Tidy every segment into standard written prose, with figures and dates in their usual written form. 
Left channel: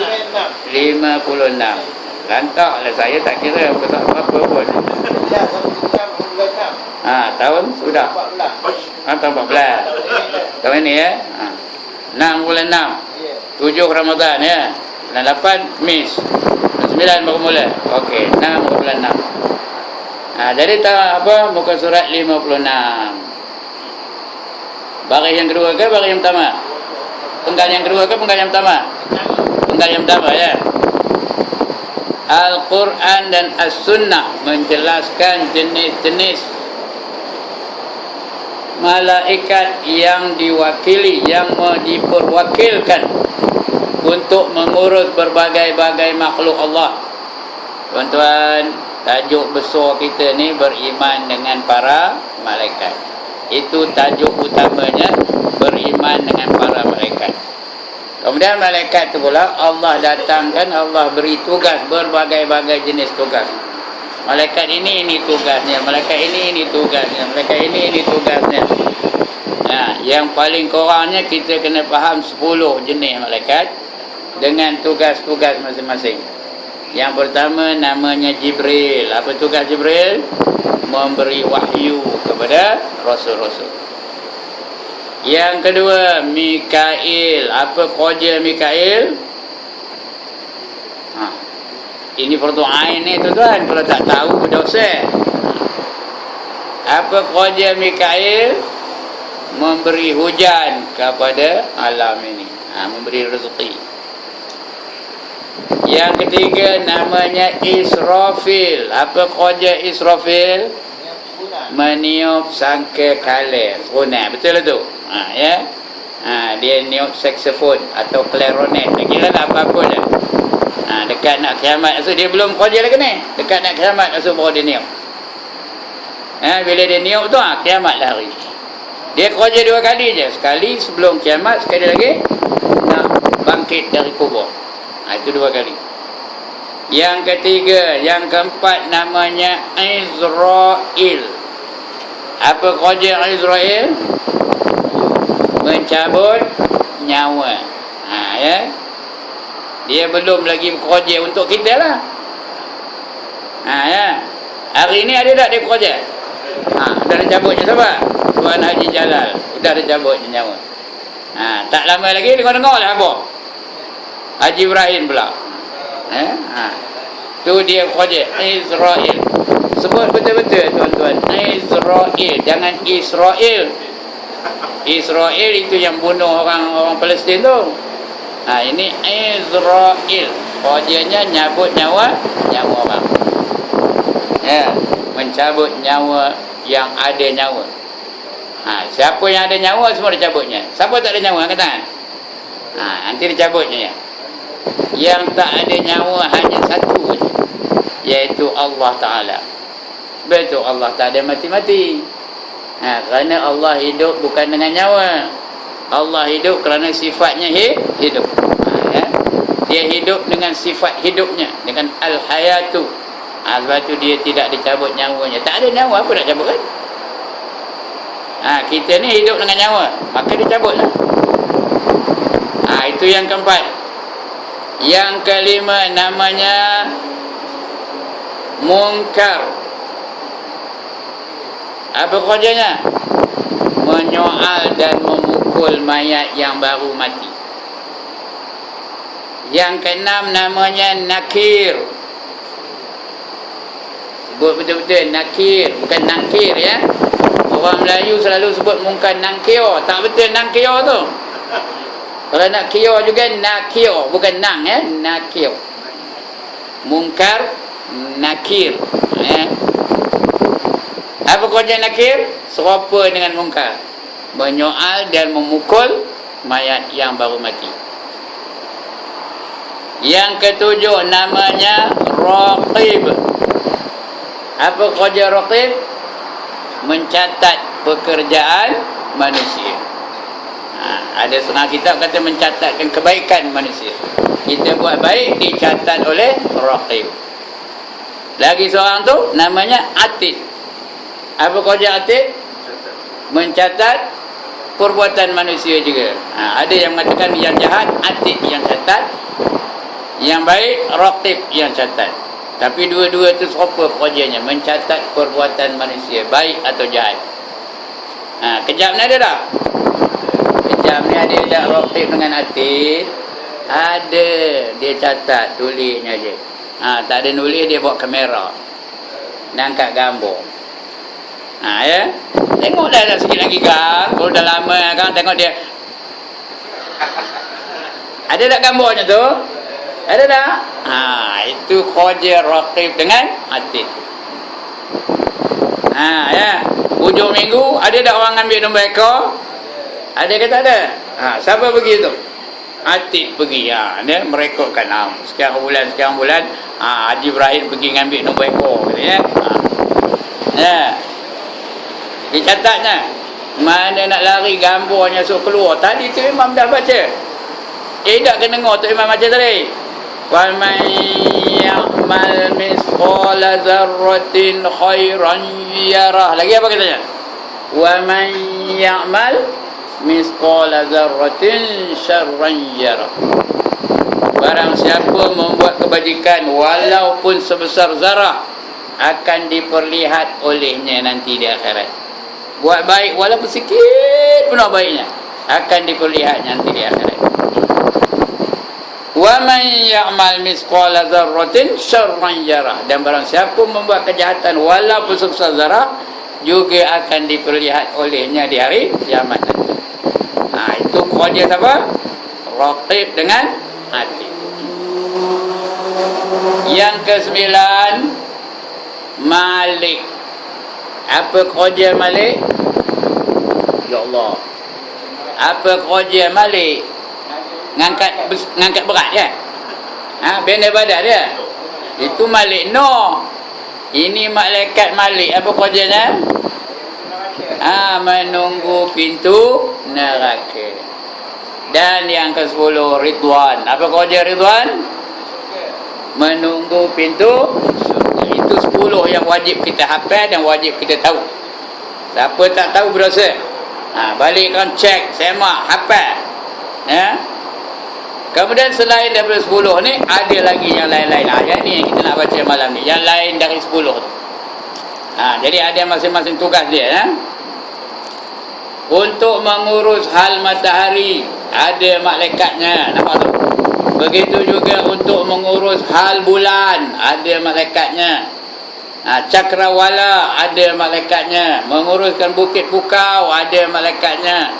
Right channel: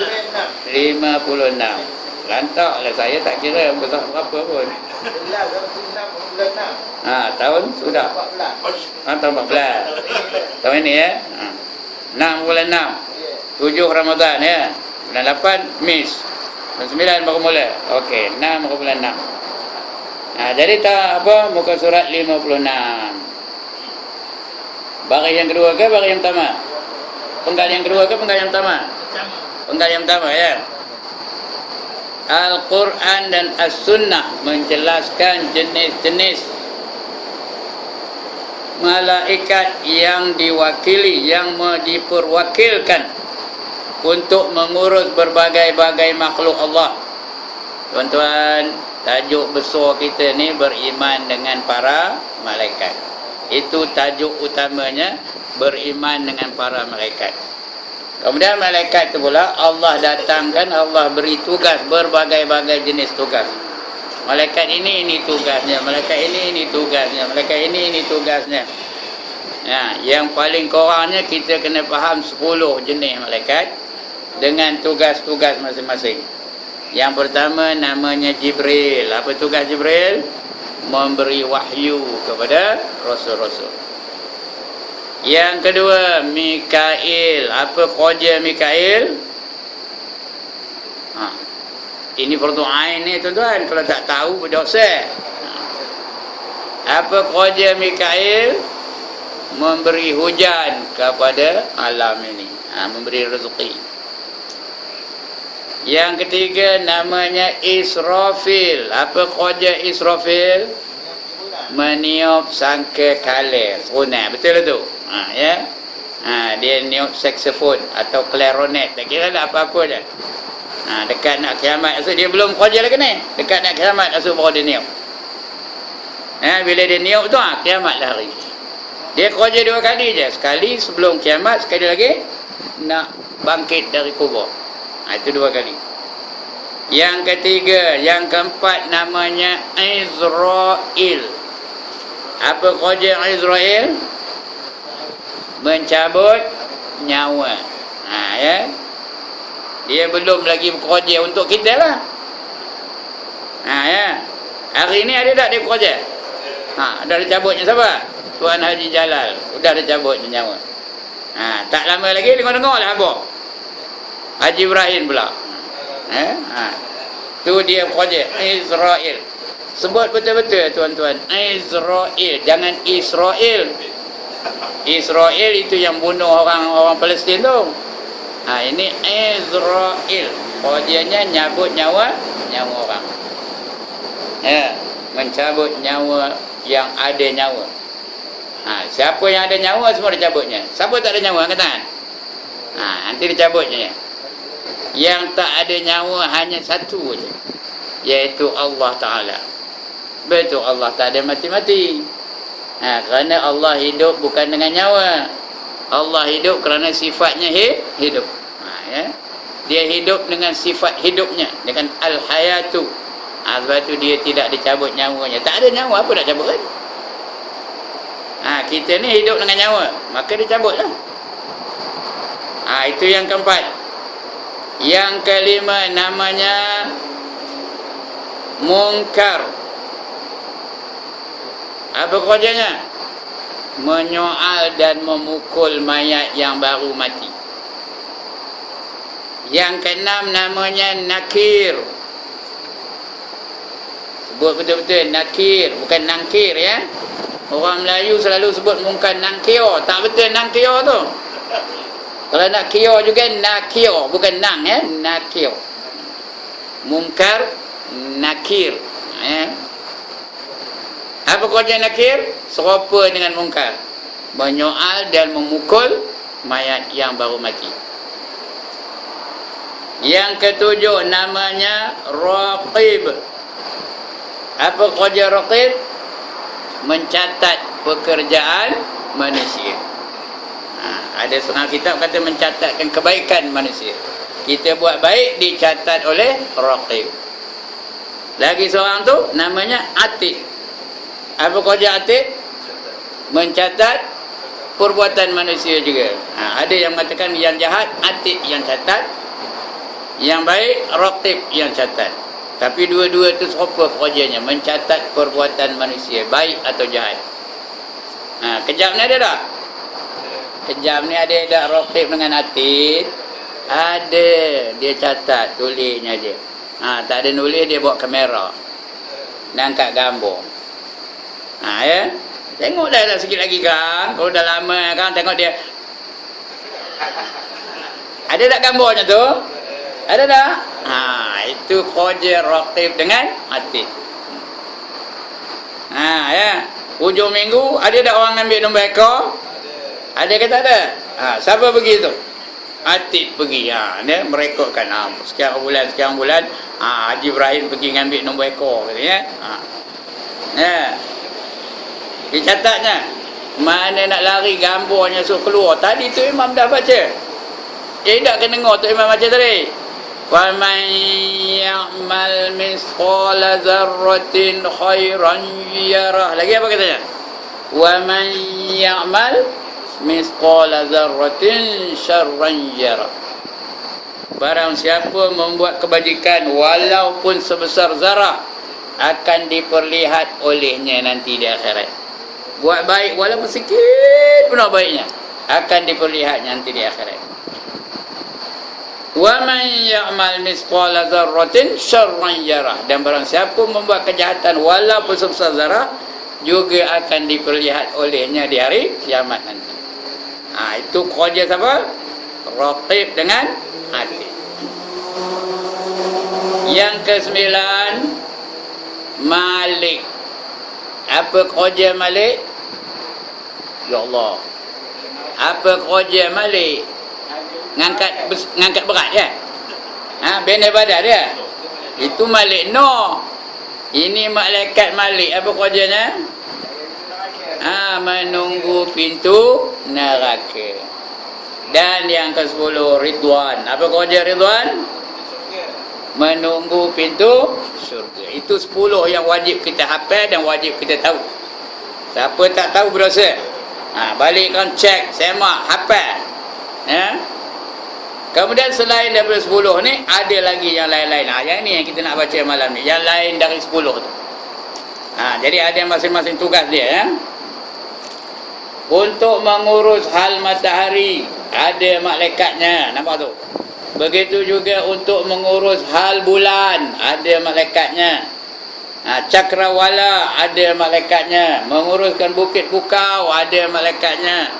56. Lantaklah saya tak kira tak apa pun. Tahun sudah. Tahun 14. Tahun ini ya. 6 bulan 6. 7 Ramadan ya. Bulan 8 Mis. Bulan 9 baru mula. Okey, 6 bulan 6. Jadi apa muka surat 56. Baris yang kedua ke baris yang pertama? Penggal yang kedua ke penggal yang pertama? Penggal yang pertama ya. Al-Quran dan As-Sunnah menjelaskan jenis-jenis malaikat yang diwakili, yang diperwakilkan untuk mengurus berbagai-bagai makhluk Allah. Tuan-tuan, tajuk besar kita ni beriman dengan para malaikat. Itu tajuk utamanya, beriman dengan para malaikat. Kemudian malaikat itu pula Allah datangkan, Allah beri tugas, berbagai-bagai jenis tugas. Malaikat ini tugasnya, malaikat ini tugasnya, malaikat ini tugasnya. Yang paling kurangnya kita kena faham 10 jenis malaikat dengan tugas-tugas masing-masing. Yang pertama namanya Jibril. Apa tugas Jibril? Memberi wahyu kepada rasul-rasul. Yang kedua, Mikail. Apa kerja Mikail? Ini fardu ain ni tuan-tuan. Kalau tak tahu, berdosa. Apa kerja Mikail? Memberi hujan kepada alam ini. Memberi rezeki. Yang ketiga, namanya Israfil. Apa kerja Israfil? Meniup sangkakala. Serunai. Betul tu? Ya. Dia niup saksofon atau clarinet. Tak kira lah apa-apa dah. Dekat nak kiamat maksud dia belum kerja lagi ni. Dekat nak kiamat maksud baru dia niup. Bila dia niup tu kiamat lah hari. Dia kerja 2 kali je. Sekali sebelum kiamat, sekali lagi nak bangkit dari kubur. Itu 2 kali. Yang ketiga, yang keempat namanya Israel. Apa kerja Israel? Mencabut nyawa. Ya. Dia belum lagi bekerja untuk kita lah. Ya. Hari ni ada tak dia bekerja? Dah dicabutnya siapa? Tuan Haji Jalal. Sudah dicabutnya nyawa. Tak lama lagi dengar-dengar lah apa? Haji Ibrahim pula. Tu dia bekerja. Israel. Sebut betul-betul tuan-tuan. Israel. Jangan Israel. Israel itu yang bunuh orang Palestin tu. Ini Israel. Kerjanya nyabut nyawa orang. Ya, mencabut nyawa yang ada nyawa. Siapa yang ada nyawa semua dicabutnya. Siapa tak ada nyawa angkat tangan. Nanti dicabutnya. Yang tak ada nyawa hanya satu, iaitu Allah Ta'ala. Betul, Allah tak ada mati-mati. Kerana Allah hidup bukan dengan nyawa. Allah hidup kerana sifatnya hidup. Ya. Dia hidup dengan sifat hidupnya, dengan al-hayatu. Sebab tu dia tidak dicabut nyawanya. Tak ada nyawa, apa nak cabut kan? Kita ni hidup dengan nyawa, maka dicabutlah. Itu yang keempat. Yang kelima namanya Munkar. Apa kerjanya? Menyoal dan memukul mayat yang baru mati. Yang keenam namanya Nakir. Sebut betul-betul Nakir, bukan Nangkir ya. Orang Melayu selalu sebut mungkar Nangkir. Tak betul Nangkir tu. Kalau nak kio juga nakio, bukan nang ya, nakio. Mungkar, nakir. Apa kerja nakir? Serupa dengan mungkar. Menyoal dan memukul mayat yang baru mati. Yang ketujuh namanya Raqib. Apa kerja Raqib? Mencatat pekerjaan manusia. Ada setengah kitab kata mencatatkan kebaikan manusia. Kita buat baik, dicatat oleh Raqib. Lagi seorang tu namanya Atid. Apa kerja Atid? Mencatat perbuatan manusia juga. Ada yang mengatakan yang jahat, Atid yang catat. Yang baik, raqib yang catat. Tapi dua-dua itu serupa pekerjaannya, mencatat perbuatan manusia, baik atau jahat. Kejap ni ada tak? Kejap ni ada tak raqib dengan atid? Ada, dia catat, tulisnya je. Tak ada nulis, dia bawa kamera dan angkat gambar. Ya. Tengok dah sikit lagi kan. Kalau dah lama kan, tengok dia. Ada tak gambarnya tu? Ada tak? Itu kerja raqib dengan atid. Ya. Hujung minggu ada tak orang ambil nombor ekor? Ada ke tak ada? Siapa pergi tu? Atid pergi. Dia merekodkan sekian bulan Haji Ibrahim pergi ngambil nombor ekor ya. Dia catatnya. Mana nak lari gambarnya suruh keluar. Tadi tu imam dah baca. Tak kena dengar tu imam baca tadi. Faman ya'mal misqala dzarratin khairan yarah. Lagi apa katanya? Wa man ya'mal misqala dzarratin syarran yarah. Barang siapa membuat kebajikan walaupun sebesar zarah, akan diperlihat olehnya nanti di akhirat. Buat baik walaupun sikit pun baiknya, akan diperlihat nanti di akhirat. Wa man ya'mal misqala dzarratin syarran yarah. Dan barang siapa membuat kejahatan walaupun sebesar zarah, juga akan diperlihat olehnya di hari kiamat. Itu kerja siapa? Raqib dengan atid. Yang ke-9, Malik. Apa kerja Malik? Ya Allah. Apa kerja Malik? Ngangkat berat ya? Benda badan dia. Itu Malik. No. Ini malaikat Malik. Apa kerjanya? Menunggu pintu neraka. Dan yang ke-10, Ridwan. Apa kerja Ridwan? Menunggu pintu surga. Itu 10 yang wajib kita hafal dan wajib kita tahu. Siapa tak tahu berdosa. Balikkan cek, semak, hafal. Ya. Kemudian selain daripada 10 ni, ada lagi yang lain-lain. Yang ni yang kita nak baca malam ni. Yang lain dari 10 tu. Jadi ada masing-masing tugas dia. Ya. Untuk mengurus hal matahari, ada malaikatnya. Nampak tu? Begitu juga untuk mengurus hal bulan, ada malaikatnya. Cakrawala, ada malaikatnya. Menguruskan bukit pukau, ada malaikatnya.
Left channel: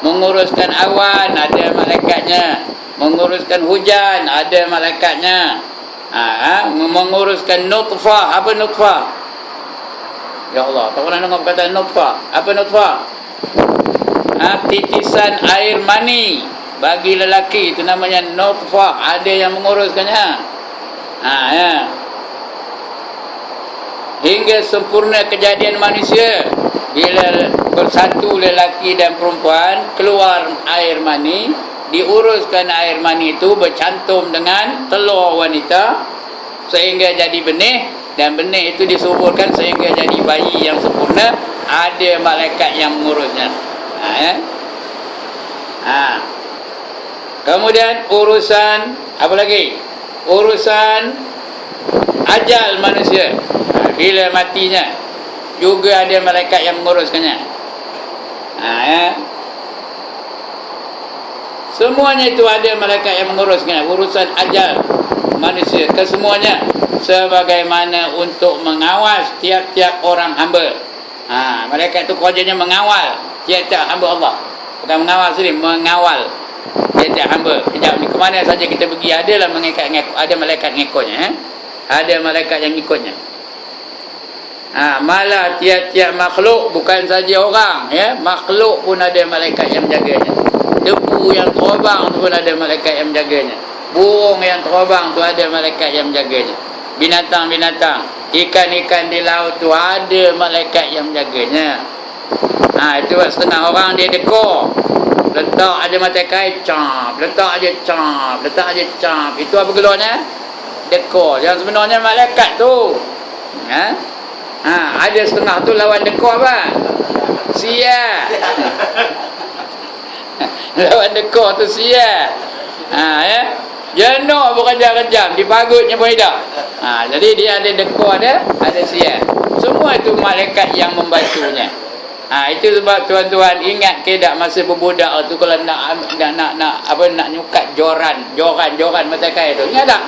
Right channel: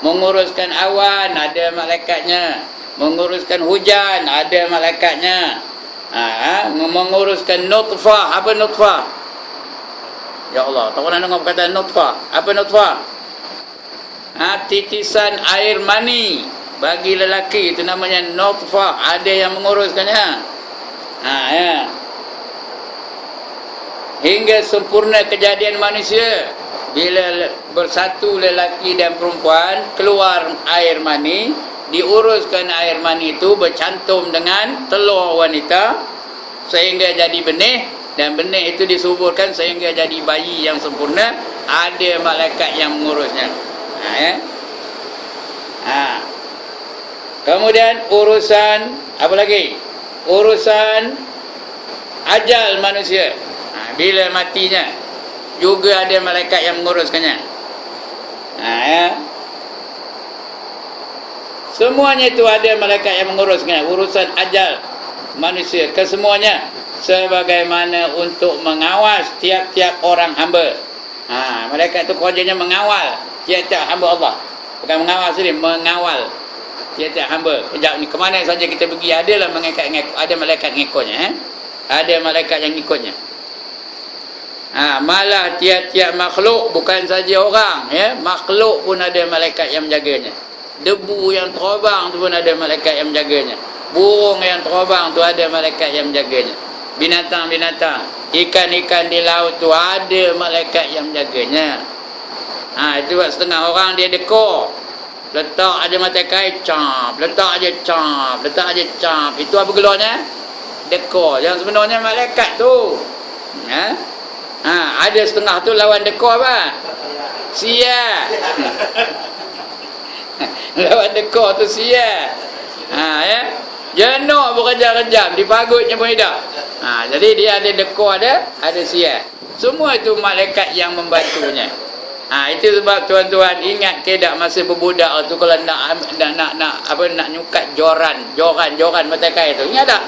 Menguruskan awan, ada malaikatnya. Menguruskan hujan, ada malaikatnya. Menguruskan nutfah. Apa nutfah? Ya Allah, tak pernah dengar perkataan nutfah. Apa nutfah? Titisan air mani bagi lelaki, itu namanya nutfah. Ada yang menguruskannya. Ya. Hingga sempurna kejadian manusia, bila bersatu lelaki dan perempuan, keluar air mani, diuruskan air mani itu bercantum dengan telur wanita sehingga jadi benih, dan benih itu disuburkan sehingga jadi bayi yang sempurna. Ada malaikat yang mengurusnya. Ya. Kemudian urusan apa lagi? Urusan ajal manusia. Bila matinya, juga ada malaikat yang menguruskannya. Ya. Semuanya itu ada malaikat yang menguruskannya. Urusan ajal manusia kesemuanya, sebagaimana untuk mengawas tiap-tiap orang hamba. Malaikat itu kerjanya mengawal tiap-tiap hamba Allah. Bukan mengawal sendiri, mengawal tiap-tiap hamba. Kejap ni, kemana saja kita pergi, adalah ada malaikat ngikutnya. Ada malaikat yang ikutnya. Malah tiap-tiap makhluk, bukan saja orang, ya, makhluk pun ada malaikat yang menjaganya. Debu yang terbang tu pun ada malaikat yang menjaganya. Burung yang terbang tu ada malaikat yang menjaganya. Binatang-binatang, ikan-ikan di laut tu ada malaikat yang menjaganya. Itu buat setengah orang dia dekor. Letak aja mata kain, cap. Letak aja cap. Letak aja cap. Itu apa gelarnya? Dekor. Yang sebenarnya malaikat tu. Ada setengah tu lawan dekor apa? Sia. Lawan dekor tu sia. Ya. Jenuh bekerja-kerja, dipagutnya pun tidak. Jadi dia ada dekor, ada sial. Semua itu malaikat yang membantunya. Itu sebab tuan-tuan ingat ke tak masa berbudak tu kalau nak nyukat joran mata kain tu. Ingat tak?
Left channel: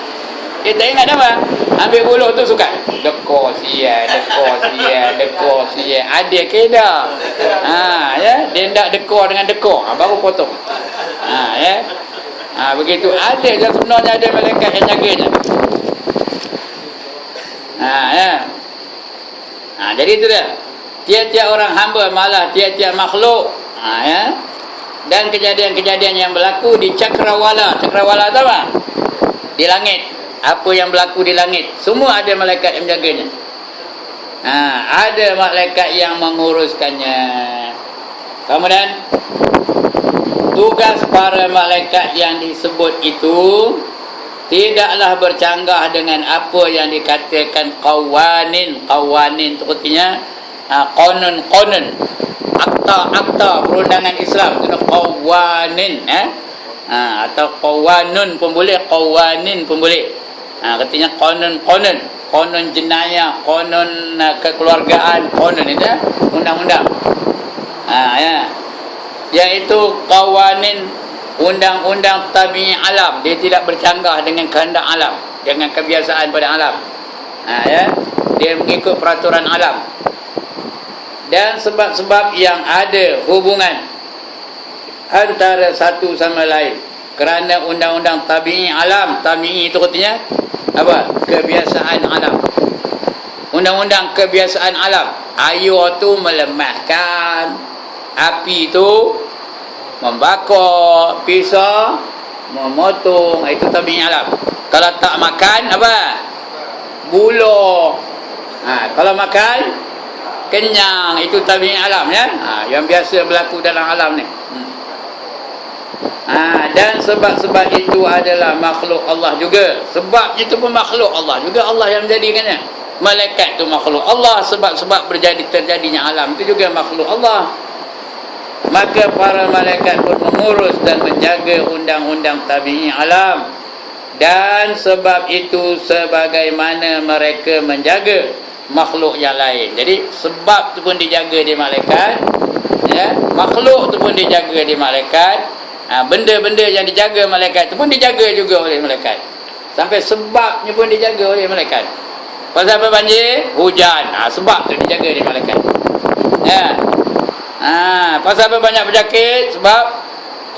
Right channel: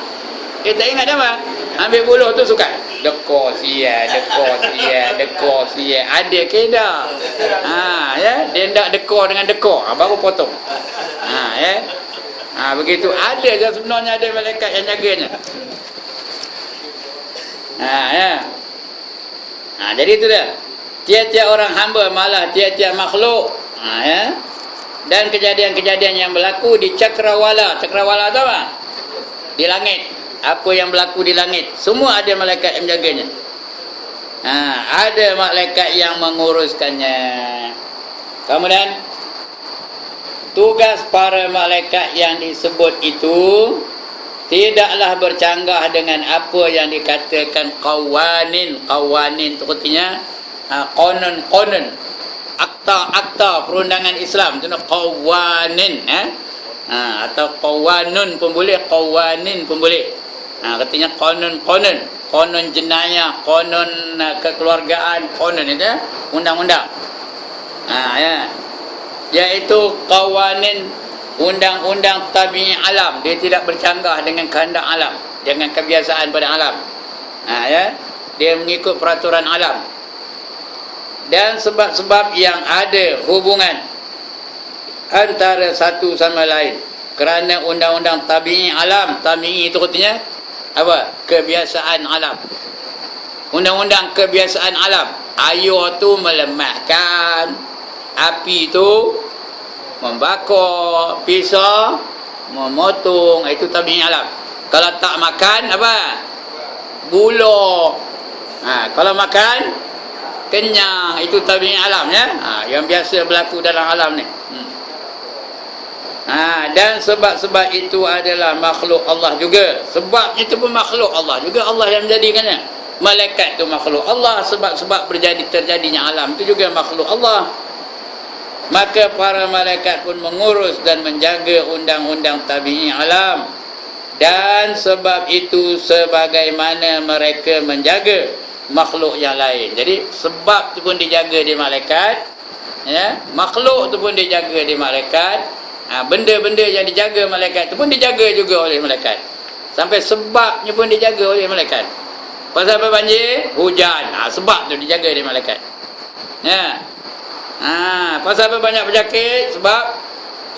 Kita ingat apa? Ambil buluh tu sukat. Dekor sial. Ada ke tak? Ya, dia nak dekor dengan dekor, baru potong. Ya. Begitu ada je sebenarnya ada malaikat yang jaganya. Ya. Jadi itu dia. Tiap-tiap orang hamba malah tiap-tiap makhluk. Ya. Dan kejadian-kejadian yang berlaku di cakrawala. Cakrawala tu apa? Di langit. Apa yang berlaku di langit, semua ada malaikat yang menjaganya. Ada malaikat yang menguruskannya. Kemudian tugas para malaikat yang disebut itu tidaklah bercanggah dengan apa yang dikatakan qawanin. Qawanin itu artinya qanun, akta perundangan Islam. Itu qawanin, atau qawanun pun boleh, qawanin pun boleh. Katanya qanun jenayah, qanun kekeluargaan, qanun itu undang-undang. Ya. Iaitu qawanin, undang-undang tabi'i alam. Dia tidak bercanggah dengan kehendak alam, dengan kebiasaan pada alam. Ya. Dia mengikut peraturan alam. Dan sebab-sebab yang ada hubungan antara satu sama lain kerana undang-undang tabi'i alam. Tabi'i itu artinya apa? Kebiasaan alam. Undang-undang kebiasaan alam. Air tu melemahkan, api tu membakar, pisau memotong. Itu tabi'i alam. Kalau tak makan apa? Gula. Kalau makan kenyang. Itu tabi'i alam, ya. Yang biasa berlaku dalam alam ni. Dan sebab-sebab itu adalah makhluk Allah juga. Sebab itu pun makhluk Allah juga. Allah yang menjadikannya. Malaikat itu makhluk Allah. Sebab-sebab terjadinya alam itu juga makhluk Allah. Maka para malaikat pun mengurus dan menjaga undang-undang tabi'i alam. Dan sebab itu sebagaimana mereka menjaga makhluk yang lain. Jadi sebab itu pun dijaga di malaikat, ya. Makhluk itu pun dijaga di malaikat. Benda-benda yang dijaga malaikat itu pun dijaga juga oleh malaikat. Sampai sebabnya pun dijaga oleh malaikat. Pasal apa banjir? Hujan. Sebab tu dijaga di malaikat. Ya. Pasal apa banyak penyakit? Sebab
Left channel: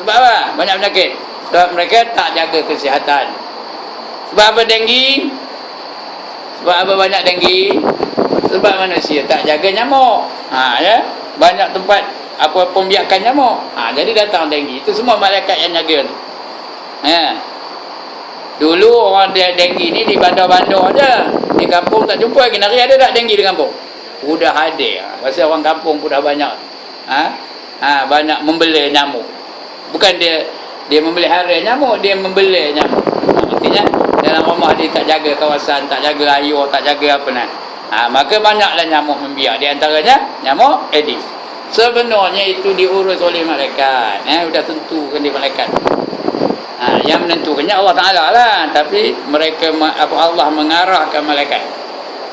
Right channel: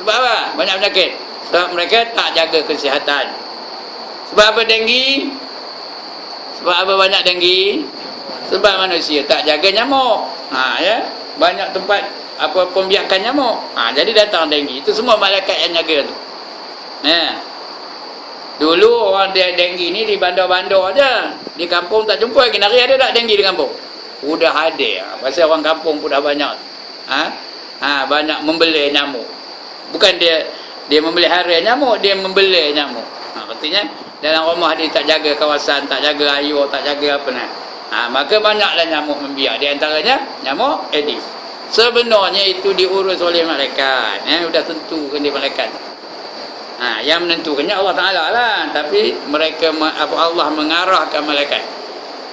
apa? Banyak penyakit. Sebab mereka tak jaga kesihatan. Sebab apa denggi? Sebab apa banyak denggi? Sebab manusia tak jaga nyamuk. Ya. Banyak tempat apa pembiakan nyamuk. Jadi datang denggi. Itu semua malaikat yang jaga. Ya. Dulu orang dia denggi ni di bandar-bandar aja. Di kampung tak jumpa lagi. Nari ada tak denggi di kampung? Sudah ada. Pasal orang kampung pun dah banyak. Banyak membeli nyamuk. Bukan dia memelihara nyamuk, dia membeli nyamuk. Artinya dalam rumah dia tak jaga kawasan, tak jaga air, tak jaga apa nak. Maka banyaklah nyamuk membiak. Di antaranya nyamuk Aedes. Sebenarnya itu diurus oleh malaikat. Sudah tentukan di malaikat. Yang menentukannya Allah Ta'ala lah. Tapi mereka, Allah mengarahkan malaikat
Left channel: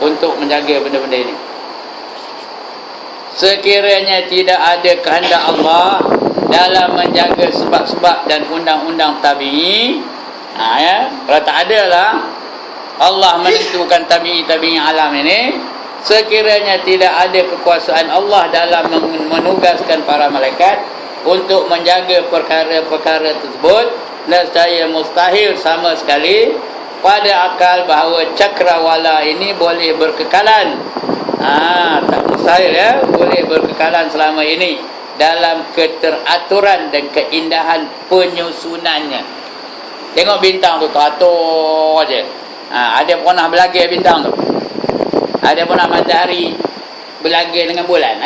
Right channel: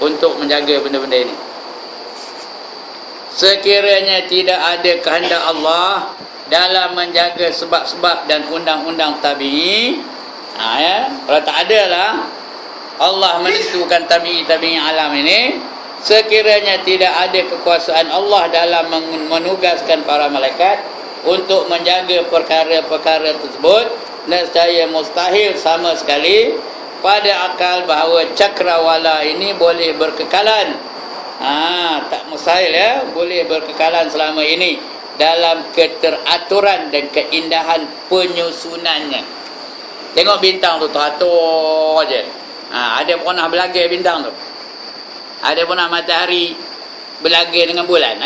untuk menjaga benda-benda ini. Sekiranya tidak ada kehendak Allah dalam menjaga sebab-sebab dan undang-undang tabi'i, ya, kalau tak ada lah Allah menentukan tabi'i alam ini, sekiranya tidak ada kekuasaan Allah dalam menugaskan para malaikat untuk menjaga perkara-perkara tersebut, nescaya mustahil sama sekali pada akal bahawa cakrawala ini boleh berkekalan. Tak mustahil, ya, boleh berkekalan selama ini dalam keteraturan dan keindahan penyusunannya. Tengok bintang tu teratur je. Ada pernah berlaga bintang tu? Ada pernah matahari berlaga dengan bulan?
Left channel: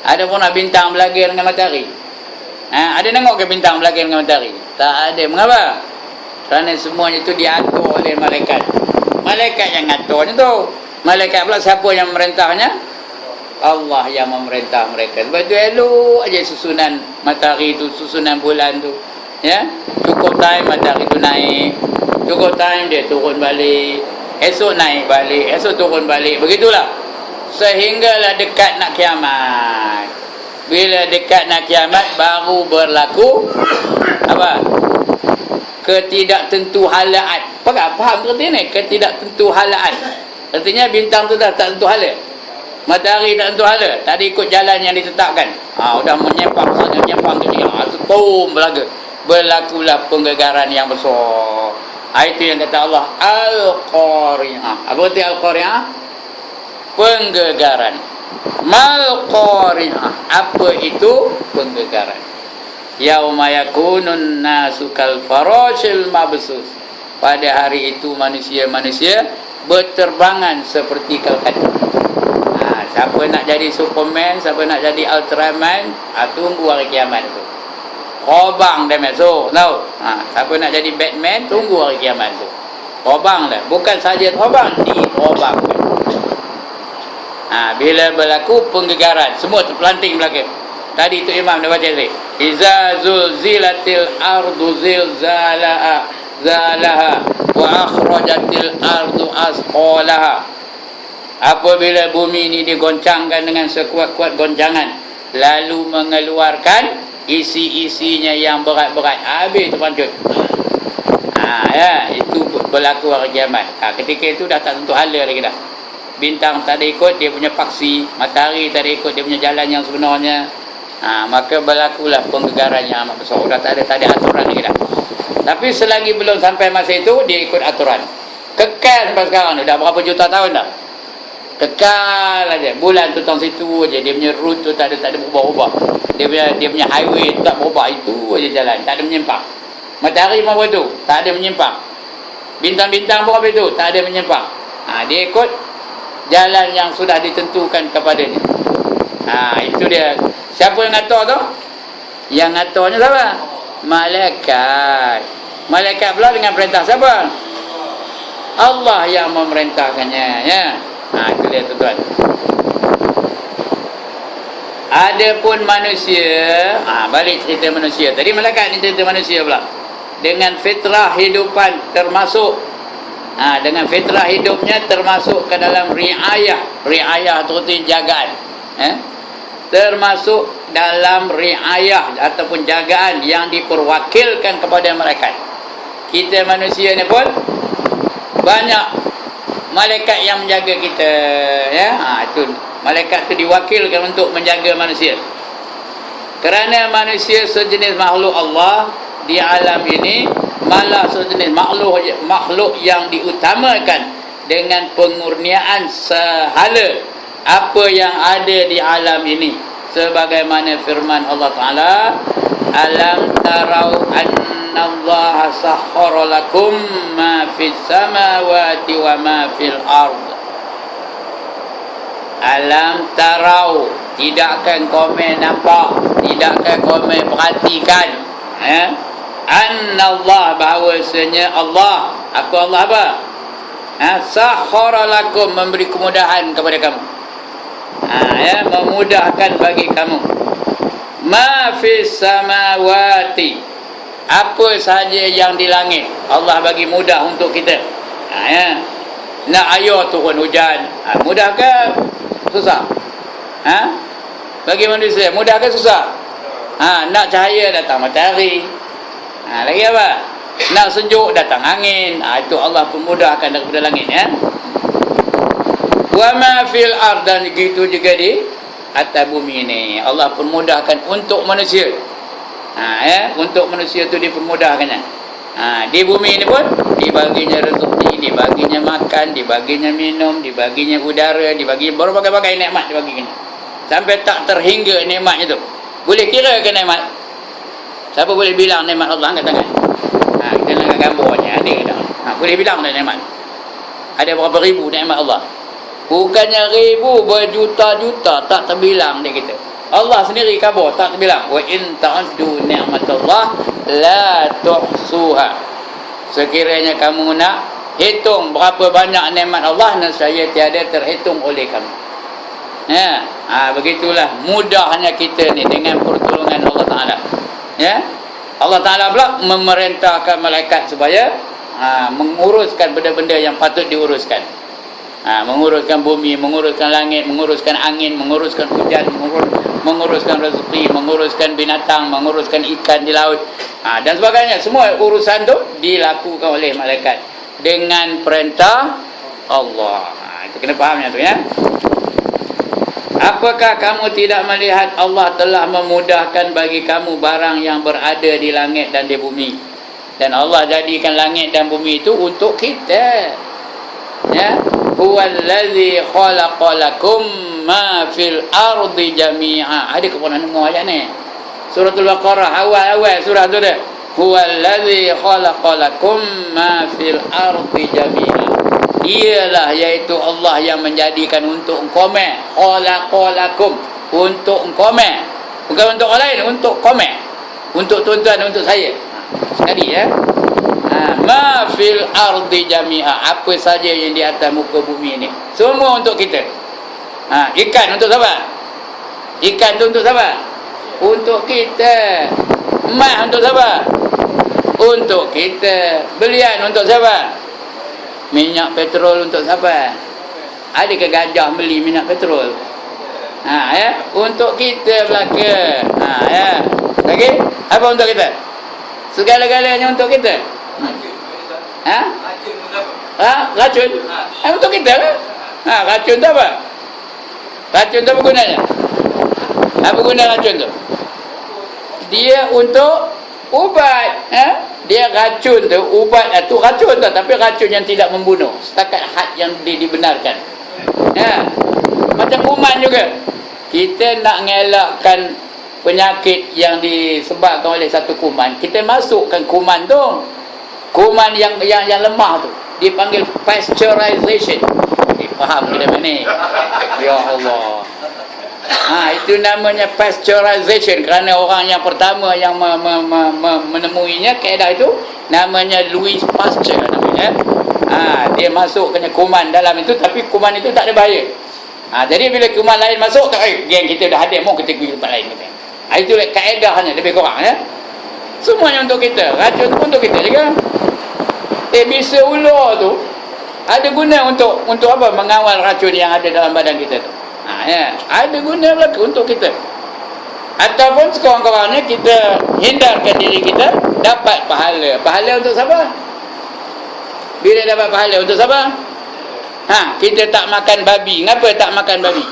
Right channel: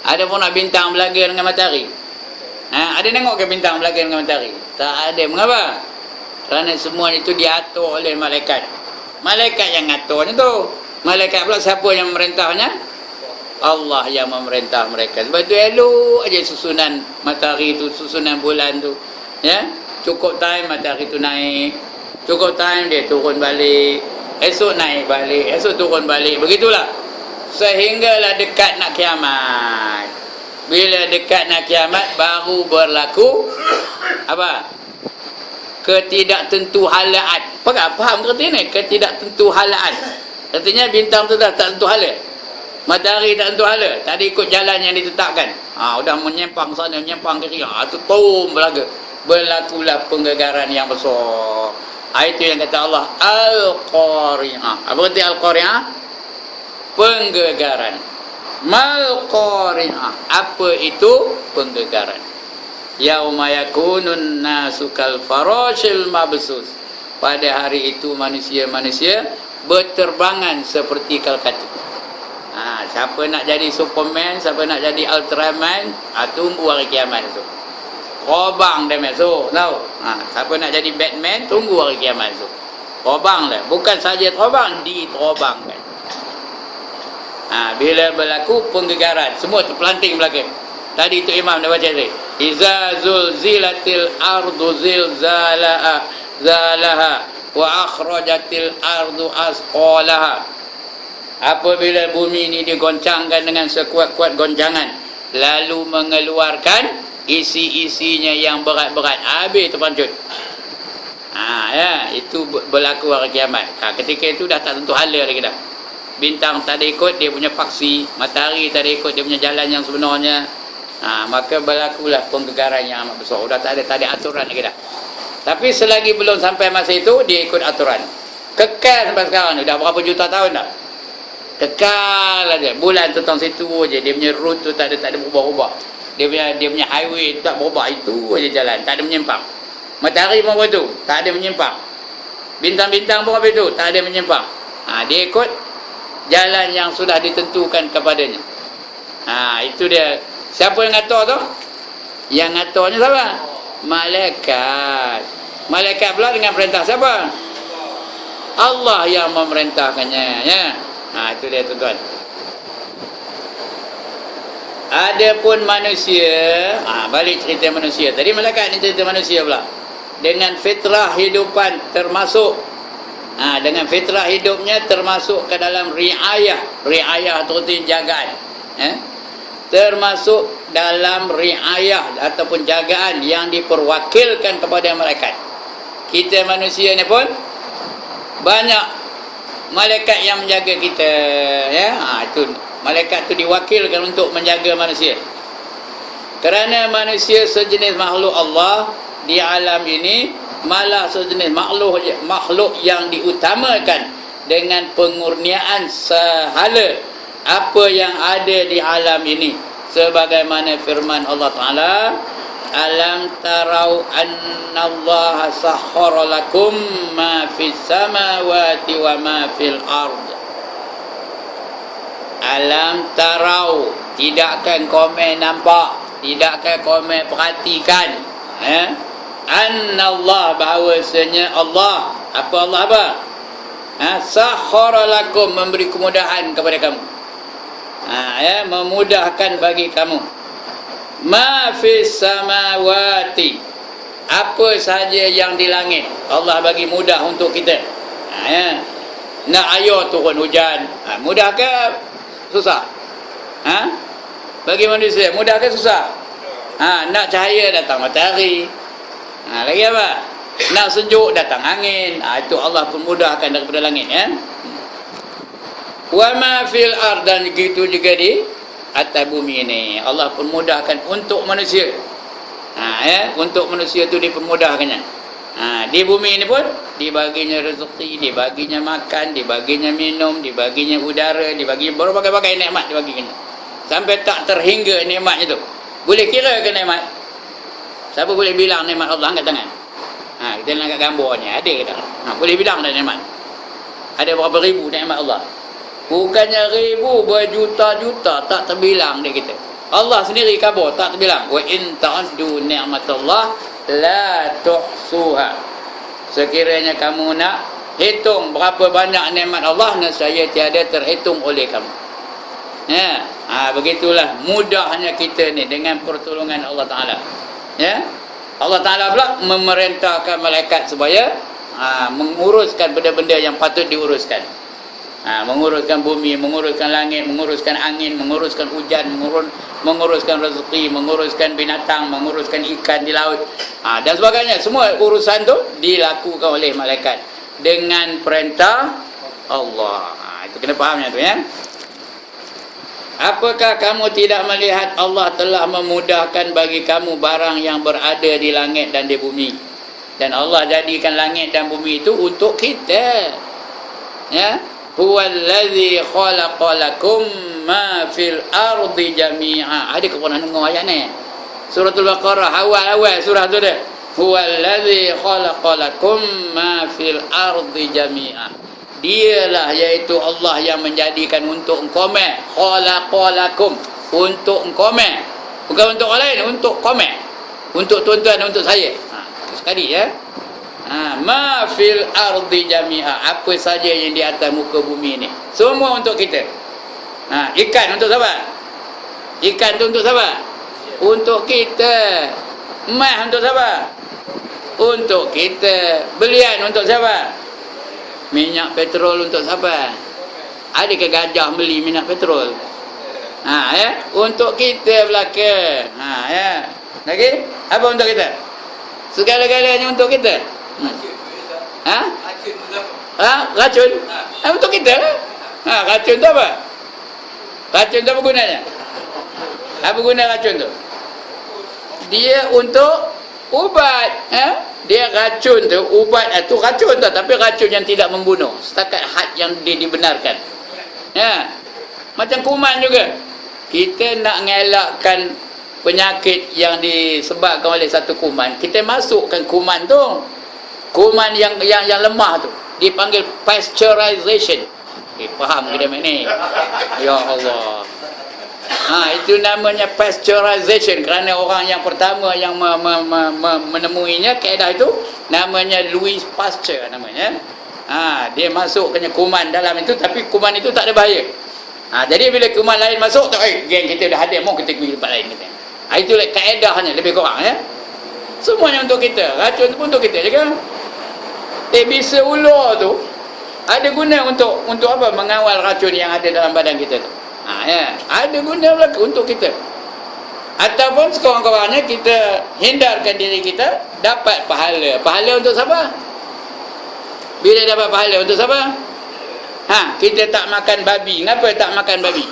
Ada pernah bintang berlaga dengan matahari? Ada tengok ke bintang berlaga dengan matahari? Tak ada. Mengapa? Kerana semuanya itu diatur oleh malaikat. Malaikat yang aturnya tu. Malaikat pula siapa yang memerintahnya? Allah yang memerintah mereka. Sebab itu elok aja susunan matahari tu, susunan bulan tu. Ya, cukup time matahari itu naik, cukup time dia turun balik, esok naik balik, esok turun balik, begitulah sehinggalah dekat nak kiamat. Bila dekat nak kiamat baru berlaku apa? Ketidaktentuhalaan. Faham kerti ni? Ketidaktentuhalaan. Artinya bintang tu dah tak tentu hala. Matahari tak tentu hala. Tak ada ikut jalan yang ditetapkan. Udah menyimpang sana, menyimpang ke sini. Tu boom berlaku. Berlakulah penggegaran yang besar. Itu yang kata Allah Al-Qari'ah. Apa arti Al-Qari'ah? Penggegaran. Mal-Qari'ah. Apa itu penggegaran? Yauma yakunun nasu kal farashil mabsus. Pada hari itu manusia-manusia berterbangan seperti kalkatu. Siapa nak jadi Superman, siapa nak jadi Ultraman, tunggu hari kiamat tu. Terbang dah masuk, tahu? Siapa nak jadi Batman, tunggu hari kiamat tu. Terbang dah. Bukan saja terbang, diterbangkan. Bila berlaku penggegaran, semua terpelanting belakang. Tadi tu Imam dah baca tadi. Iza zulzilatil ardu zilzalaha wa akhrajatil ardu asqalaha. Apabila bumi ini digoncangkan dengan sekuat-kuat goncangan, lalu mengeluarkan isi-isinya yang berat-berat, habis terpancut. Itu berlaku hari kiamat. Ketika itu dah tak tentu hala lagi dah. Bintang tak ada ikut dia punya paksi, matahari tak ada ikut dia punya jalan yang sebenarnya. Maka berlakulah penggegaran yang amat besar. Dah tak ada aturan lagi dah. Tapi selagi belum sampai masa itu, dia ikut aturan. Kekal sampai sekarang. Dah berapa juta tahun dah. Kekal aja. Bulan tu tang situ aja. Dia punya route tu tak ada berubah-ubah. Dia punya highway tu tak berubah. Itu aja jalan. Tak ada menyimpang. Matahari pun begitu. Tak ada menyimpang. Bintang-bintang pun begitu. Tak ada menyimpang. Dia ikut jalan yang sudah ditentukan kepadanya. Itu dia. Siapa yang ngatur tu? Yang ngaturnya siapa? Malaikat. Malaikat pula dengan perintah siapa? Allah yang memerintahkannya, ya. Itu dia tuan-tuan. Adapun manusia, balik cerita manusia. Tadi malaikat ni cerita manusia pula. Dengan fitrah hidupan termasuk dengan fitrah hidupnya termasuk ke dalam riayah. Riayah tu jagaan. Termasuk dalam riayah ataupun jagaan yang diperwakilkan kepada malaikat. Kita manusia ni pun banyak malaikat yang menjaga kita, ya. Itu malaikat tu diwakilkan untuk menjaga manusia. Kerana manusia sejenis makhluk Allah di alam ini, malah sejenis makhluk yang diutamakan dengan pengurniaan sehala apa yang ada di alam ini, sebagaimana firman Allah Ta'ala, alam tarau annallaha sakhkhara lakum ma fis samawati wa ma fil ard. Alam tarau, tidakkah komen nampak, tidakkah komen perhatikan, annallah, bahawasanya Allah, Allah apa? Sakhkhara lakum, memberi kemudahan kepada kamu, memudahkan bagi kamu. Ma fis samawati, apa sahaja yang di langit, Allah bagi mudah untuk kita. Nak air turun hujan, mudah ke susah? Bagi manusia mudah ke susah? Nak cahaya datang matahari, lagi apa? Nak sejuk datang angin, itu Allah pemudahkan daripada langit, ya. Wa ma fil ard, dan gitu juga di atas bumi ini Allah permudahkan untuk manusia. Untuk manusia tu dipermudahkannya. Di bumi ini pun dibaginya rezeki, dibaginya makan, dibaginya minum, dibaginya udara, dibaginya berbagai-bagai nikmat dibaginya. Sampai tak terhingga nikmatnya tu. Boleh kira ke nikmat? Siapa boleh bilang nikmat Allah? Angkat tangan. Kita nak gambarnya ada tak? Boleh bilang dah nikmat. Ada berapa ribu nikmat Allah? Bukannya ribu, berjuta-juta, tak terbilang dia kita. Allah sendiri khabar, tak terbilang. Wa in ta'uddu ni'matallah la tuhsuha. Sekiranya kamu nak hitung berapa banyak nikmat Allah, nescaya tiada terhitung oleh kamu. Begitulah mudahnya kita ni dengan pertolongan Allah Ta'ala. Ya. Allah Ta'ala pula memerintahkan malaikat supaya menguruskan benda-benda yang patut diuruskan. Menguruskan bumi, menguruskan langit, menguruskan angin, menguruskan hujan, menguruskan rezeki, menguruskan binatang, menguruskan ikan di laut, dan sebagainya. Semua urusan tu dilakukan oleh malaikat dengan perintah Allah. Itu kena fahamnya tu, ya. Apakah kamu tidak melihat Allah telah memudahkan bagi kamu barang yang berada di langit dan di bumi? Dan Allah jadikan langit dan bumi itu untuk kita. Ya, huwallazi khalaqalakum ma fil ardi jami'a. Ada ke pernah dengar ayat ni? Suratul Baqarah awal surah tu dah. Huwallazi khalaqalakum ma fil ardi jami'a. Dialah iaitu Allah yang menjadikan untuk engkau-me, khalaqalakum, untuk engkau-me, bukan untuk orang lain, untuk kau-me, untuk tuan-tuan, untuk saya. Sekali, ya. Ma fil ardi jami'a, apa saja yang di atas muka bumi ni semua untuk kita. Ikan untuk siapa? Ikan tu untuk siapa? Untuk kita. Emas untuk siapa? Untuk kita. Belian untuk siapa? Minyak petrol untuk siapa? Adakah gajah beli minyak petrol? Ya, untuk kita belaka. Ya. Lagi? Apa untuk kita? Segala-galanya untuk kita. Racun? Untuk kita lah. Racun tu apa? Racun tu apa gunanya? Apa guna racun tu? Dia untuk ubat. Dia racun tu, ubat tu racun tu, tapi racun yang tidak membunuh setakat had yang dibenarkan. Ya. Macam kuman juga. Kita nak ngelakkan penyakit yang disebabkan oleh satu kuman, kita masukkan kuman tu. Kuman yang lemah tu dipanggil pasteurization. Faham kita ni? Ya Allah. Itu namanya pasteurization, kerana orang yang pertama yang menemuinya kaedah itu namanya Louis Pasteur namanya. Dia masukkannya kuman dalam itu, tapi kuman itu tak ada bahaya. Jadi bila kuman lain masuk, geng kita dah ada, mau kita pergi tempat lain. Itulah kaedahnya lebih kurang, ya. Semuanya untuk kita. Racun pun untuk kita juga. Bisa ular tu ada guna untuk apa? Mengawal racun yang ada dalam badan kita tu. Ya, ada guna belaka untuk kita. Ataupun sekurang-kurangnya kita hindarkan diri kita dapat pahala. Pahala untuk siapa? Bila dapat pahala untuk siapa? Kita tak makan babi. Kenapa tak makan babi?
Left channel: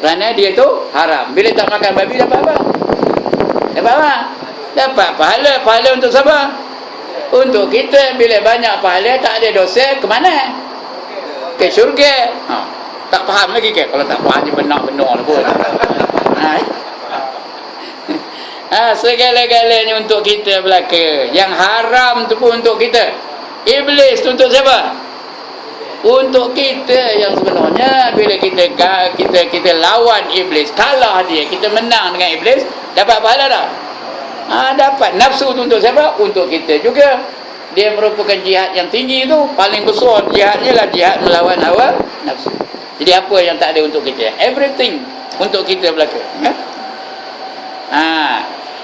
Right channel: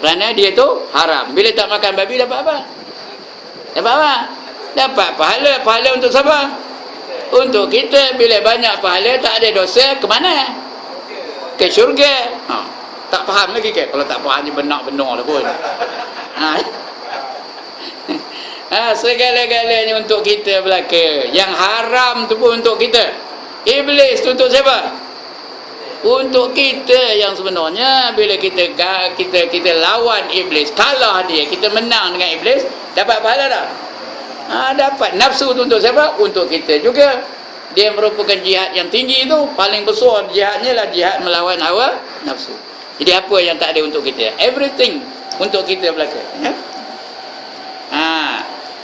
Kerana dia tu haram. Bila tak makan babi dapat apa? Dapat apa? Dapat pahala. Pahala untuk siapa? Untuk kita. Bila banyak pahala, tak ada dosa, ke mana? Ke syurga. Tak faham lagi ke? Kalau tak faham, dia benar-benar lah pun. Segala-galanya untuk kita belaka. Yang haram tu pun untuk kita. Iblis tu untuk siapa? Untuk kita yang sebenarnya. Bila kita lawan iblis, kalah dia, kita menang dengan iblis, dapat pahala tak? Dapat. Nafsu tu untuk siapa? Untuk kita juga. Dia merupakan jihad yang tinggi tu. Paling besar jihadnya lah jihad melawan hawa nafsu. Jadi apa yang tak ada untuk kita? Everything untuk kita belaka. Ya?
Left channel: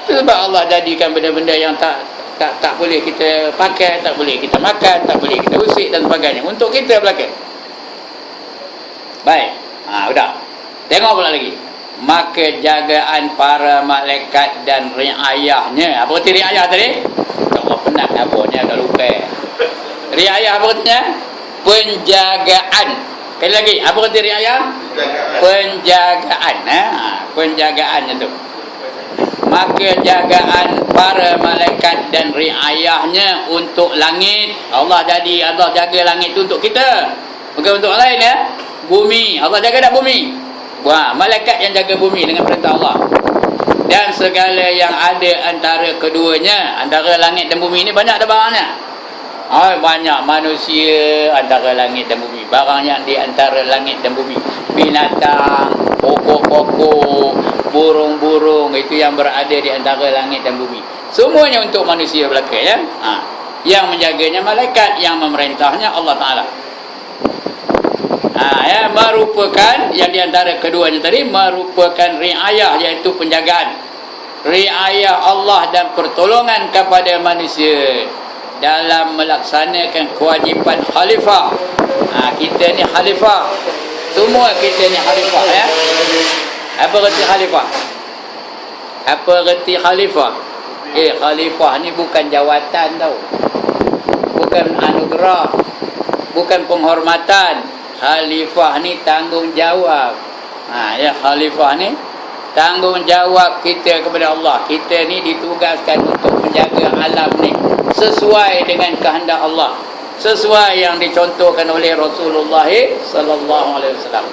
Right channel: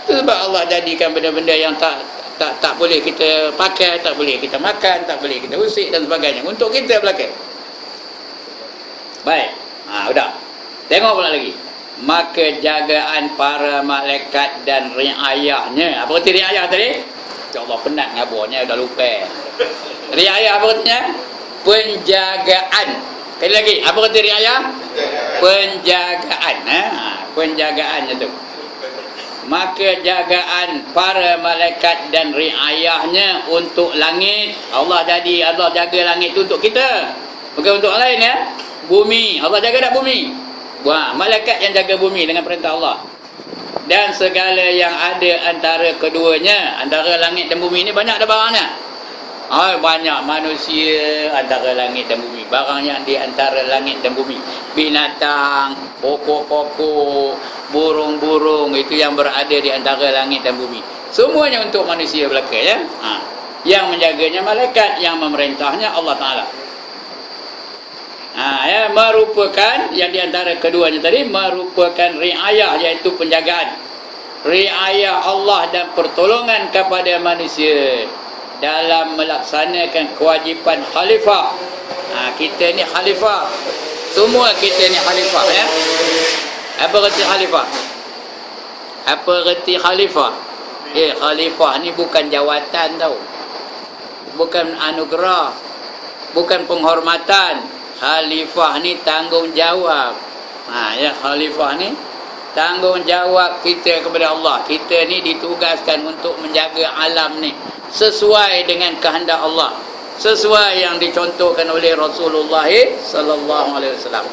Itu sebab Allah jadikan benda-benda yang tak boleh kita pakai, tak boleh kita makan, tak boleh kita usik dan sebagainya. Untuk kita belaka. Baik. Sudah. Tengok pula lagi. Maka jagaan para malaikat dan riayahnya. Apa kata riayah tadi? Allah penat abahnya agak lupa. Riayah apa katanya? Penjagaan. Sekali lagi, apa kata riayah? Penjagaan. Penjagaannya tu. Maka jagaan para malaikat dan riayahnya untuk langit. Allah jaga langit tu untuk kita, bukan untuk orang lain, ya. Bumi, Allah jaga tak bumi? Malaikat yang jaga bumi dengan perintah Allah. Dan segala yang ada antara keduanya, antara langit dan bumi ni banyak dah barangnya. Banyak manusia antara langit dan bumi. Barang yang di antara langit dan bumi. Binatang, pokok-pokok, burung-burung, itu yang berada di antara langit dan bumi. Semuanya untuk manusia belaka, ya. Yang menjaganya malaikat, yang memerintahnya Allah Ta'ala. Ya, merupakan yang di antara keduanya tadi merupakan riayah, iaitu penjagaan. riayah Allah dan pertolongan kepada manusia dalam melaksanakan kewajipan khalifah. Kita ni khalifah. Semua kita ni khalifah, ya. Apa erti khalifah? Apa erti khalifah? Khalifah ni bukan jawatan tau. Bukan anugerah. Bukan penghormatan. Khalifah ni tanggungjawab. Ya, khalifah ni tanggungjawab kita kepada Allah. Kita ni ditugaskan untuk menjaga alam ni sesuai dengan kehendak Allah, sesuai yang dicontohkan oleh Rasulullah sallallahu alaihi wasallam.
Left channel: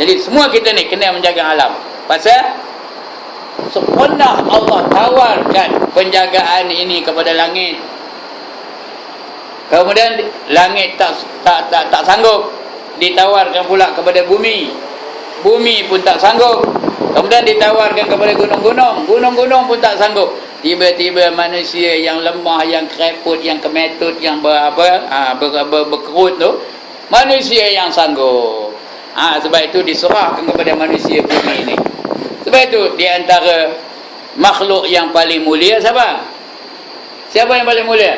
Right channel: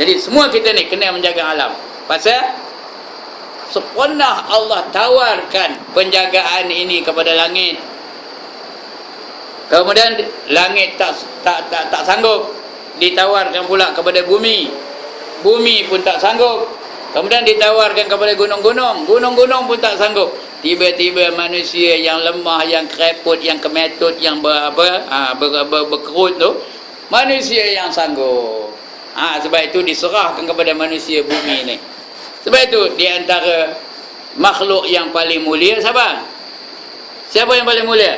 Jadi semua kita ni kena menjaga alam. Pasal pernah Allah tawarkan penjagaan ini kepada langit. Kemudian langit tak sanggup, ditawarkan pula kepada bumi. Bumi pun tak sanggup. Kemudian ditawarkan kepada gunung-gunung. Gunung-gunung pun tak sanggup. Tiba-tiba manusia yang lemah, yang kereput, yang kemetut, yang berkerut tu, manusia yang sanggup. Sebab itu diserahkan kepada manusia bumi ni. Sebab itu di antara makhluk yang paling mulia siapa? Siapa yang paling mulia?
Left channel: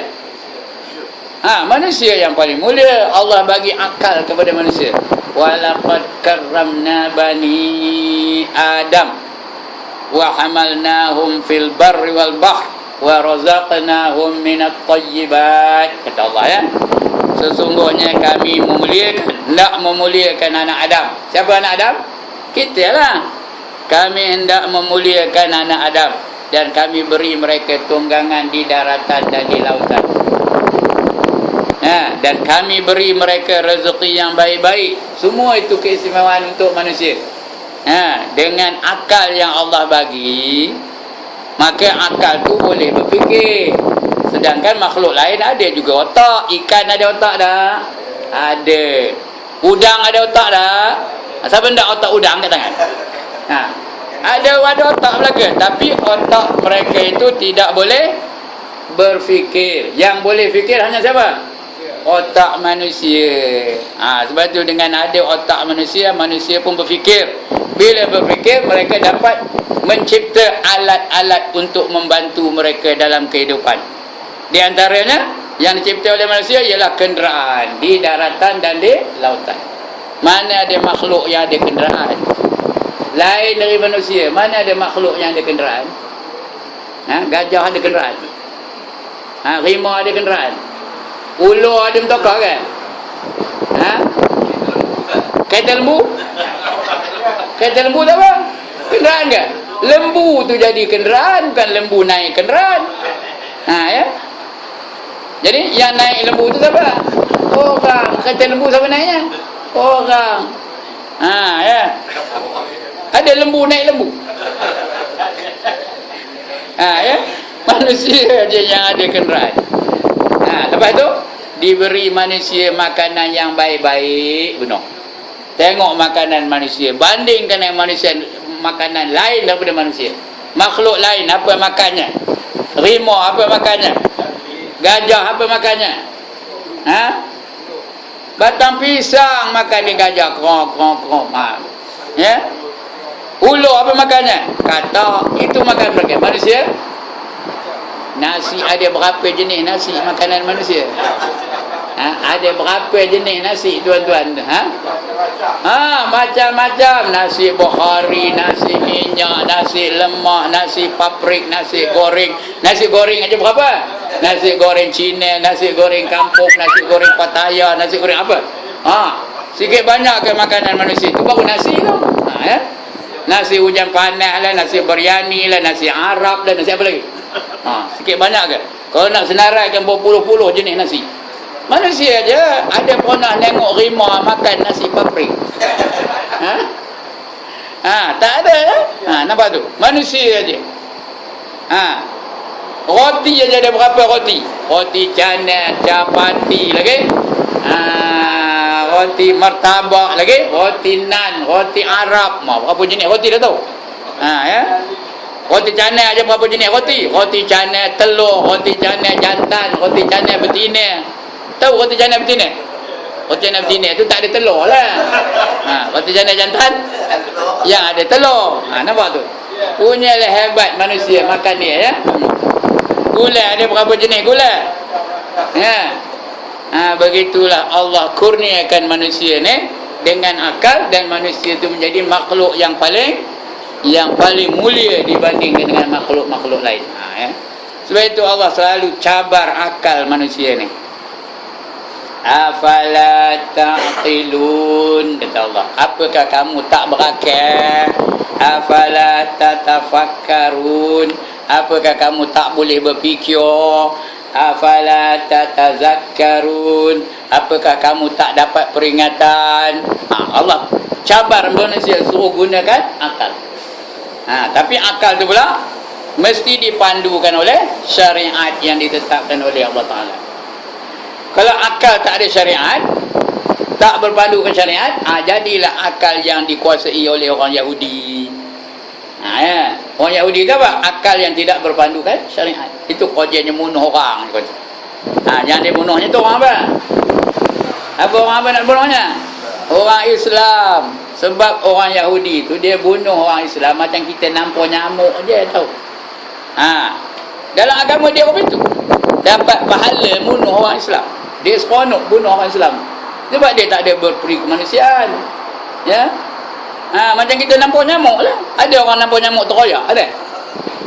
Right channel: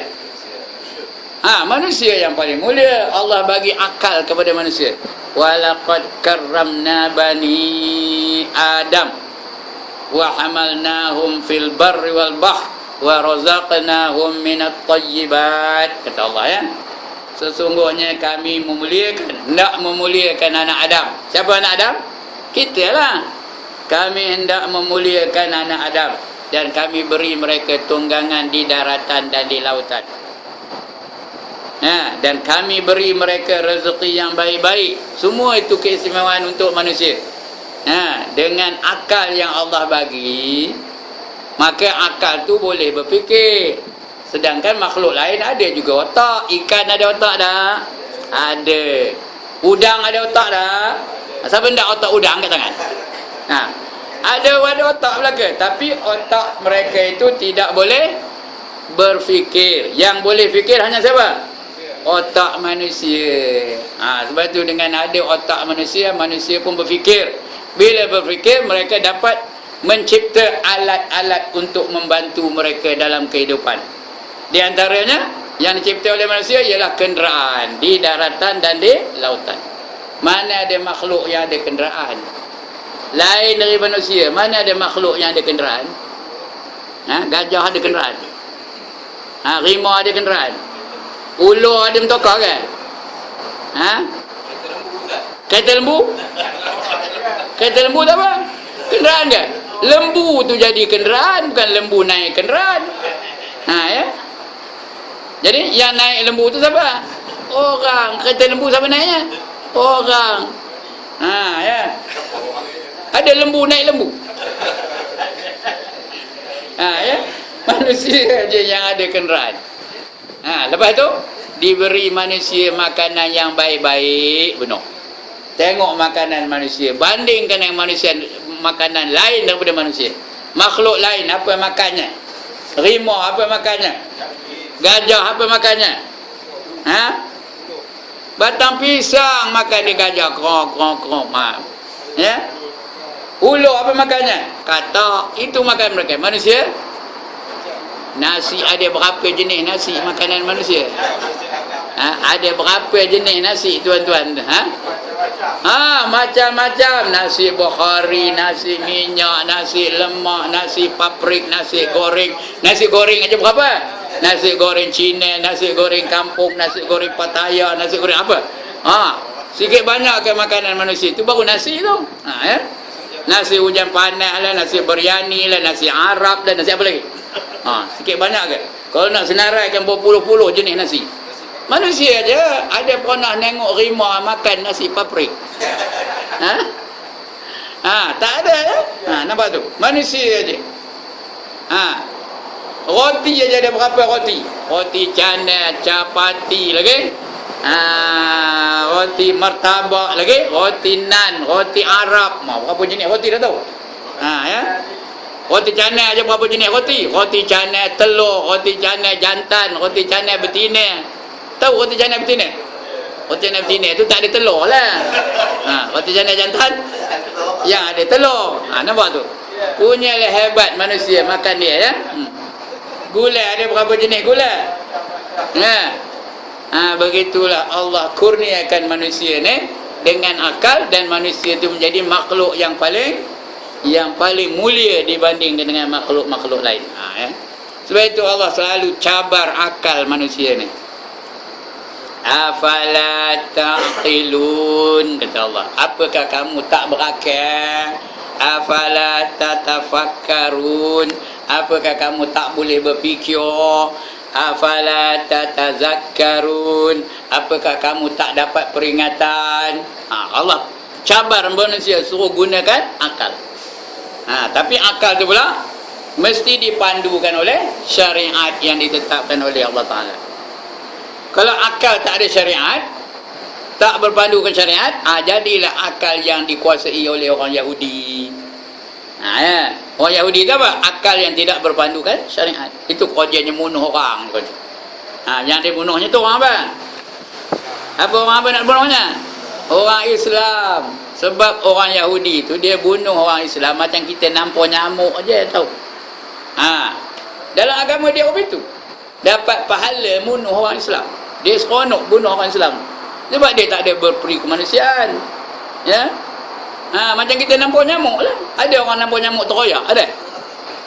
Manusia yang paling mulia. Allah bagi akal kepada manusia. Walaqad karramna bani Adam wa hamalnahum fil barri wal bahr wa razaqnahum minat thayyibat. Kata Allah, ya. Sesungguhnya kami memuliakan, hendak memuliakan anak Adam. Siapa anak Adam? Kita lah. Kami hendak memuliakan anak Adam dan kami beri mereka tunggangan di daratan dan di lautan. Dan kami beri mereka rezeki yang baik-baik. Semua itu keistimewaan untuk manusia. Dengan akal yang Allah bagi, maka akal tu boleh berfikir. Sedangkan makhluk lain ada juga otak. Ikan ada otak dah? Ada. Udang ada otak dah? Siapa nak otak udang kat tangan? Ada otak belaka. Tapi otak mereka itu tidak boleh berfikir. Yang boleh fikir hanya siapa? Otak manusia. Sebab itu dengan ada otak manusia, manusia pun berfikir. Bila berfikir, mereka dapat mencipta alat-alat untuk membantu mereka dalam kehidupan. Di antaranya yang dicipta oleh manusia ialah kenderaan di daratan dan di lautan. Mana ada makhluk yang ada kenderaan lain dari manusia? Mana ada makhluk yang ada kenderaan? Gajah ada kenderaan. Rimau ada kenderaan. Ular ada mentokar kan? Kereta lembu? Kereta lembu tak apa? Kenderaan kan? Lembu tu jadi kenderaan, bukan lembu naik kenderaan. Ya. Jadi yang naik lembu tu siapa? Orang. Kereta lembu siapa naiknya? Orang. Ya. Ada lembu naik lembu. Ya. Manusia je yang ada kenderaan. Lepas tu diberi manusia makanan yang baik-baik, benar. Tengok makanan manusia, bandingkan dengan manusia, makanan lain daripada manusia. Makhluk lain apa makannya? Rimau apa makannya? Gajah apa makannya? Batang pisang makan dia gajah, krong. Ya. Ular apa makannya? Katak. Itu makan mereka. Manusia, nasi ada berapa jenis nasi makanan manusia? Ada berapa jenis nasi tuan-tuan? Macam-macam. Nasi Bukhari, nasi minyak, nasi lemak, nasi paprik, nasi goreng. Nasi goreng aja berapa? Nasi goreng Cina, nasi goreng kampung, nasi goreng Pattaya, nasi goreng apa? Sikit banyak ke makanan manusia. Itu baru nasi tu. Ya? Nasi hujan panas lah, nasi biryani lah, nasi Arab lah, nasi apa lagi? Sikit banyak ke? Kalau nak senaraikan berpuluh-puluh jenis nasi. Manusia aja ada pernah tengok rimau makan nasi paprik? Tak ada ya? Nampak tu? Manusia aja. Roti aja ada berapa roti? Roti canai, capati lagi. Roti martabak lagi, roti nan, roti Arab. Berapa jenis roti dah tahu? Ya. Roti canai aja berapa jenis roti? Roti canai telur, roti canai jantan, roti canai betina. Tahu roti canai betina? Roti canai betina tu tak ada telur lah. Roti canai jantan yang ada telur. Nampak tu? Punyalah hebat manusia makan dia, ya. Gula ada berapa jenis gula? Ya. Begitulah Allah kurniakan manusia ni dengan akal, dan manusia itu menjadi makhluk yang paling mulia dibandingkan dengan makhluk-makhluk lain. Ya. Sebab itu Allah selalu cabar akal manusia ni. Afala ta'qilun, kata Allah. Apakah kamu tak berakal? Afala tatafakkarun, apakah kamu tak boleh berfikir? Afala tatazakkarun, apakah kamu tak dapat peringatan? Allah cabar manusia, suruh gunakan akal. Tapi akal tu pula mesti dipandukan oleh syariat yang ditetapkan oleh Allah Ta'ala. Kalau akal tak ada syariat, tak berpandukan syariat, jadilah akal yang dikuasai oleh orang Yahudi. Orang Yahudi tu apa? Akal yang tidak berpandukan syariat. Itu kerjanya bunuh orang. Yang dia bunuhnya tu orang apa? Apa orang apa nak bunuhnya? Orang Islam. Sebab orang Yahudi tu dia bunuh orang Islam macam kita nampak nyamuk je, tahu. Dalam agama dia apa itu? Dapat pahala bunuh orang Islam. Dia seronok bunuh orang Islam. Sebab dia tak ada berperi kemanusiaan. Ya. Macam kita nampak nyamuk lah. Ada orang nampak nyamuk teroyak? Ada?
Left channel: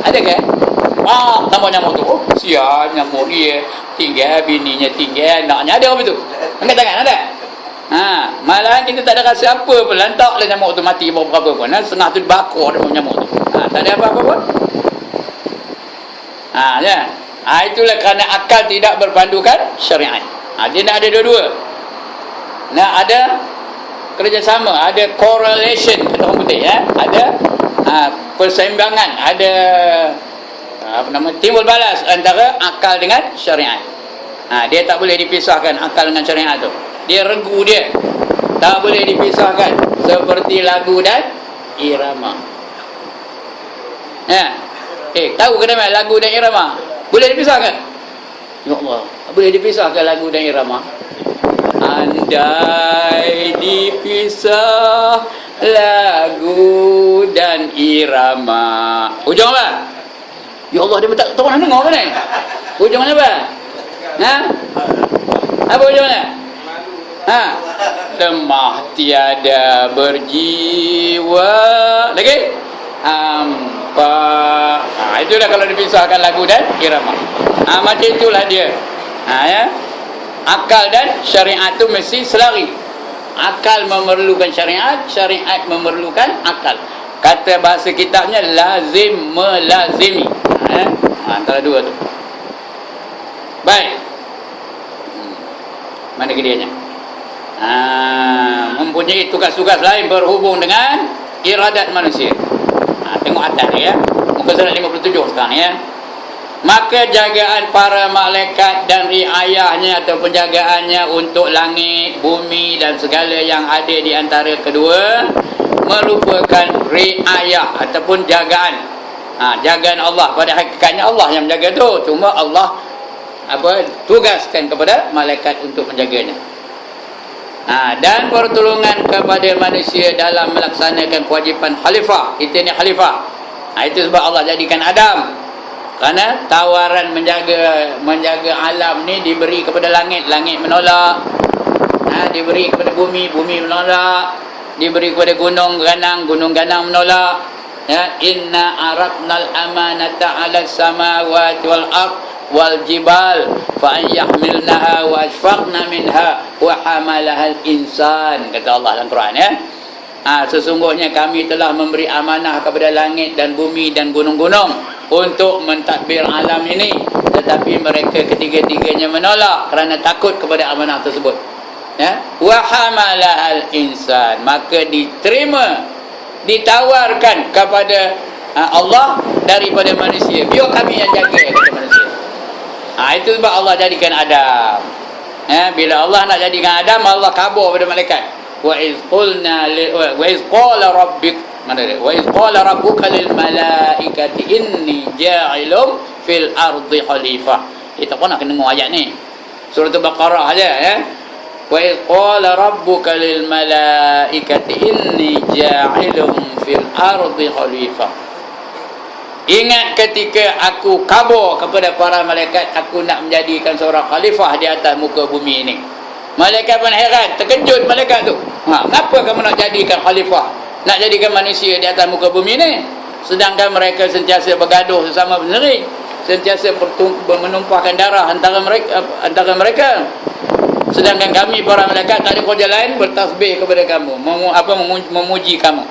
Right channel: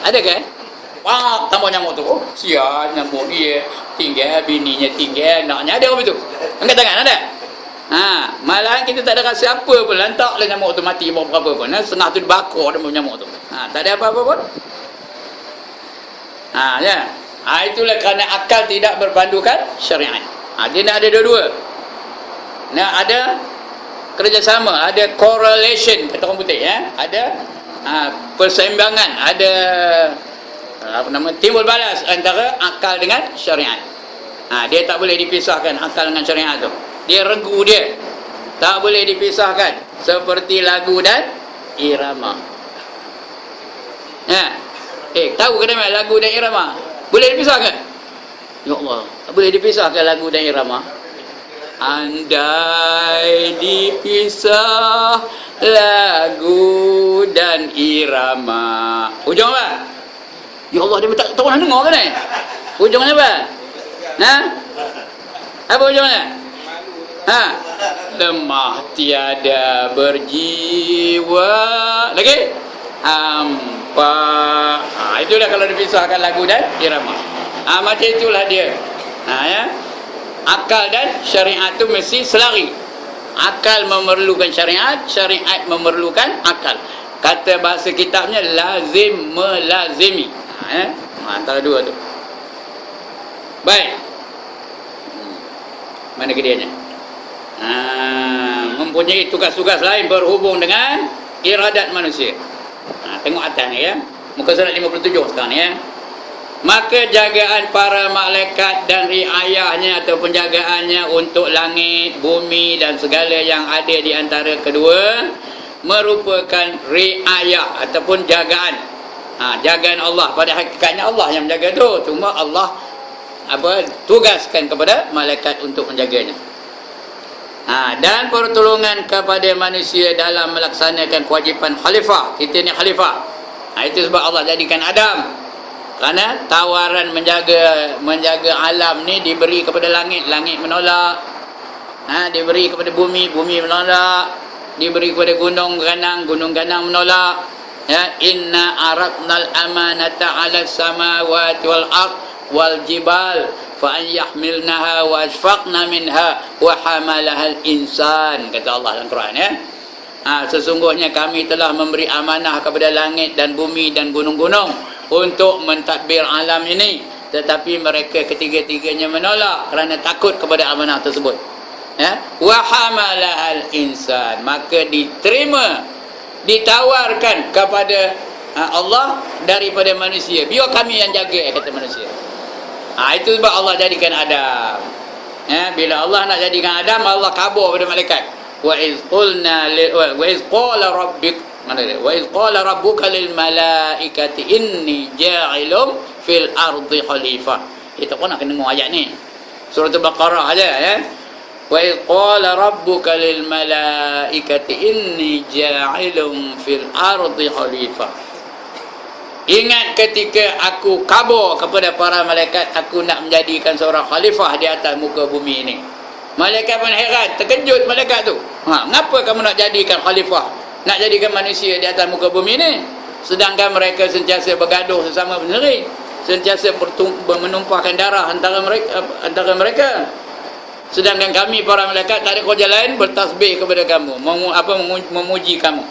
Ada kan? Nampak nyamuk tu. Oh, sian nyamuk dia. Tinggal bininya, tinggal anaknya. Ada apa tu? Angkat tangan, ada? Malahan kita tak ada rasa apa pun. Lantaklah nyamuk tu mati berapa pun. Setengah tu dibakar dia nyamuk tu. Tak ada apa-apa pun. Ya. Itulah kerana akal tidak berpandukan syariat. Dia nak ada dua-dua. Nak ada kerjasama, ada correlation kata orang putih, ya. Ada perseimbangan, ada timbul balas antara akal dengan syariat. Dia tak boleh dipisahkan akal dengan syariat tu. Dia regu dia. Tak boleh dipisahkan, seperti lagu dan irama. Tahu ke nama lagu dan irama? Boleh dipisahkan? Ya Allah, boleh dipisahkan lagu dan irama? Andai dipisah lagu dan irama. Ujung apa? Ya Allah, dia tak tahu nak dengar kan ni? Ujungnya apa? Apa ujungnya? Lemah tiada berjiwa. Lagi? Hampa. Itulah kalau dipisahkan lagu dan irama. Macam itulah dia. Ya. Akal dan syariat tu mesti selari. Akal memerlukan syariat, syariat memerlukan akal. Kata bahasa kitabnya lazim melazimi. Antara dua tu. Baik. Mana kedianya? Mempunyai tugas-tugas lain berhubung dengan iradat manusia. Tengok atas ya. Muka surat 57 sekarang ya. Maka jagaan para malaikat dan riayahnya atau penjagaannya untuk langit, bumi dan segala yang ada di antara kedua merupakan riayah ataupun jagaan. Jagaan Allah. Pada hakikatnya Allah yang menjaga tu. Cuma Allah tugaskan kepada malaikat untuk menjaganya. Dan pertolongan kepada manusia dalam melaksanakan kewajipan khalifah. Kita ni khalifah. Itu sebab Allah jadikan Adam. Kerana tawaran menjaga alam ni diberi kepada langit, langit menolak. Diberi kepada bumi, bumi menolak. Diberi kepada gunung ganang, gunung ganang menolak. Ya, inna aradnal amanata 'ala samawati wal ard wal jibal fa an yahmilnaha wa ashfaqna minha wa hamalaha al insan, kata Allah dalam Quran ya. Sesungguhnya kami telah memberi amanah kepada langit dan bumi dan gunung-gunung untuk mentadbir alam ini, tetapi mereka ketiga-tiganya menolak kerana takut kepada amanah tersebut. Ya, wa hamalahal insan, maka diterima, ditawarkan kepada Allah daripada manusia. Biar kami yang jaga, kata manusia. Itu sebab Allah jadikan Adam. Bila Allah nak jadikan Adam, Allah kabur pada malaikat. Wa iz qala rabbik, mana dia? Wa iz qala rabbuka lil malaikati inni ja'ilun fil ardi khalifah. Kita pun nak kena dengar ayat ni. Surah Al-Baqarah aja ya. Wa iz qala rabbuka lil malaikati inni ja'ilun fil ardi khalifah. Ingat ketika aku kabur kepada para malaikat, aku nak menjadikan seorang khalifah di atas muka bumi ini. Malaikat pun heran, terkejut malaikat tu. Kenapa kamu nak jadikan khalifah, nak jadikan manusia di atas muka bumi ini? Sedangkan mereka sentiasa bergaduh sesama sendiri, sentiasa menumpahkan darah antara mereka. Sedangkan kami para malaikat tak ada kerja lain bertasbih kepada kamu, memuji kamu.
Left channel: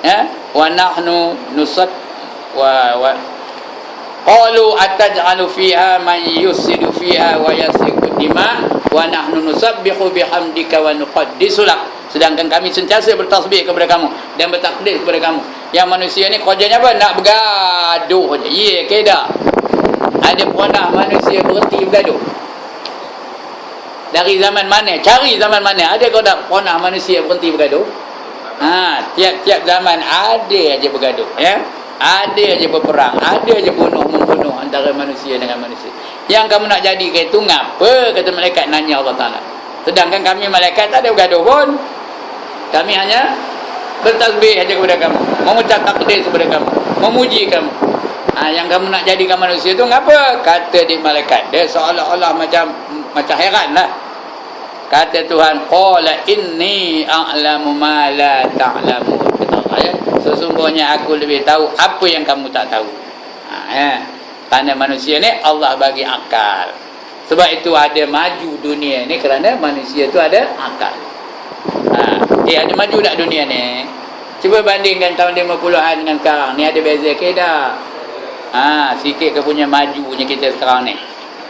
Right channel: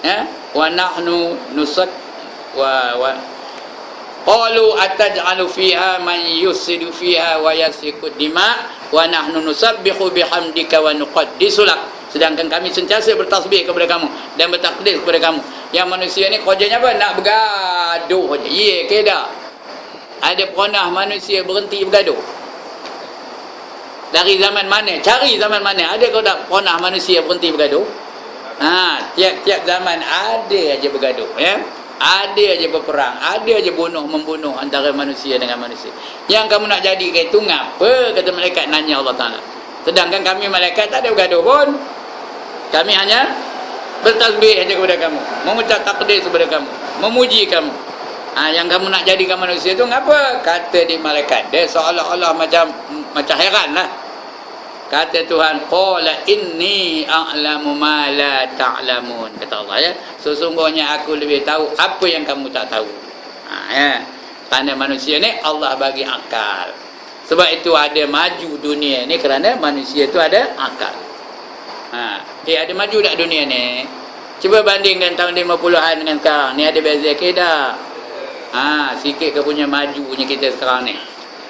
Ya, wa nahnu nusat wa qalu ataj'alu fiha man yusidu fiha wa yasfiku dima wa nahnu nusabbihu bihamdika wa nuqaddisu lak. Sedangkan kami sentiasa bertasbih kepada kamu dan bertakdis kepada kamu. Yang manusia ni kerjanya apa? Nak bergaduh je. Ya ke tak? Ada pernah manusia berhenti bergaduh? Dari zaman mana? Cari zaman mana? Ada kau tak pernah manusia berhenti bergaduh? Tiap-tiap zaman ada aja bergaduh, ya. Ada aja berperang, ada aja membunuh antara manusia dengan manusia. Yang kamu nak jadikan itu ngapa? Kata malaikat nanya Allah Ta'ala. Sedangkan kami malaikat tak ada bergaduh pun. Kami hanya bertasbih aja kepada kamu, mengucap takdis kepada kamu, memuji kamu. Yang kamu nak jadikan manusia itu ngapa? Kata di malaikat. Dia seolah-olah macam heran lah. Kata Tuhan, qala inni a'lamu ma la ta'lamun. Kata Allah, ya, sesungguhnya aku lebih tahu apa yang kamu tak tahu. Ya. Tanda manusia ni Allah bagi akal. Sebab itu ada maju dunia ni kerana manusia itu ada akal. Ada maju tak dunia ni? Cuba bandingkan tahun 50-an dengan sekarang ni, ada beza ke tak? Sikit ke punya majunya kita sekarang ni.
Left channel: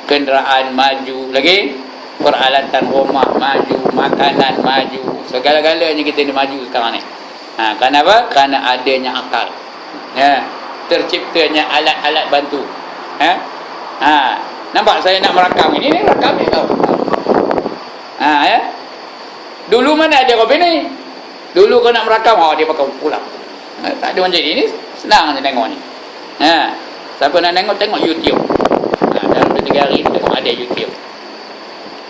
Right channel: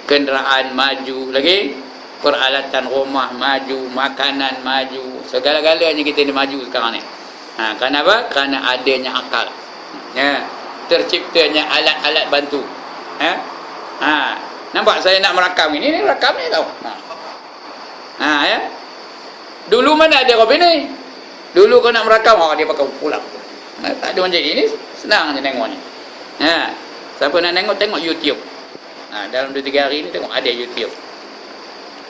Kenderaan maju lagi, peralatan rumah maju, makanan maju, segala-galanya kita ni maju sekarang ni. Kenapa? Kerana adanya akal. Ya, terciptanya alat-alat bantu. Nampak saya nak merakam ini rakam ni tau. Ya. Dulu mana ada kopi ni? Dulu kau nak merakam, dia pakai pulang. Tak ada macam ini, senang je tengok ni. Siapa nak tengok YouTube. Dalam 2-3 hari ni tengok ada YouTube.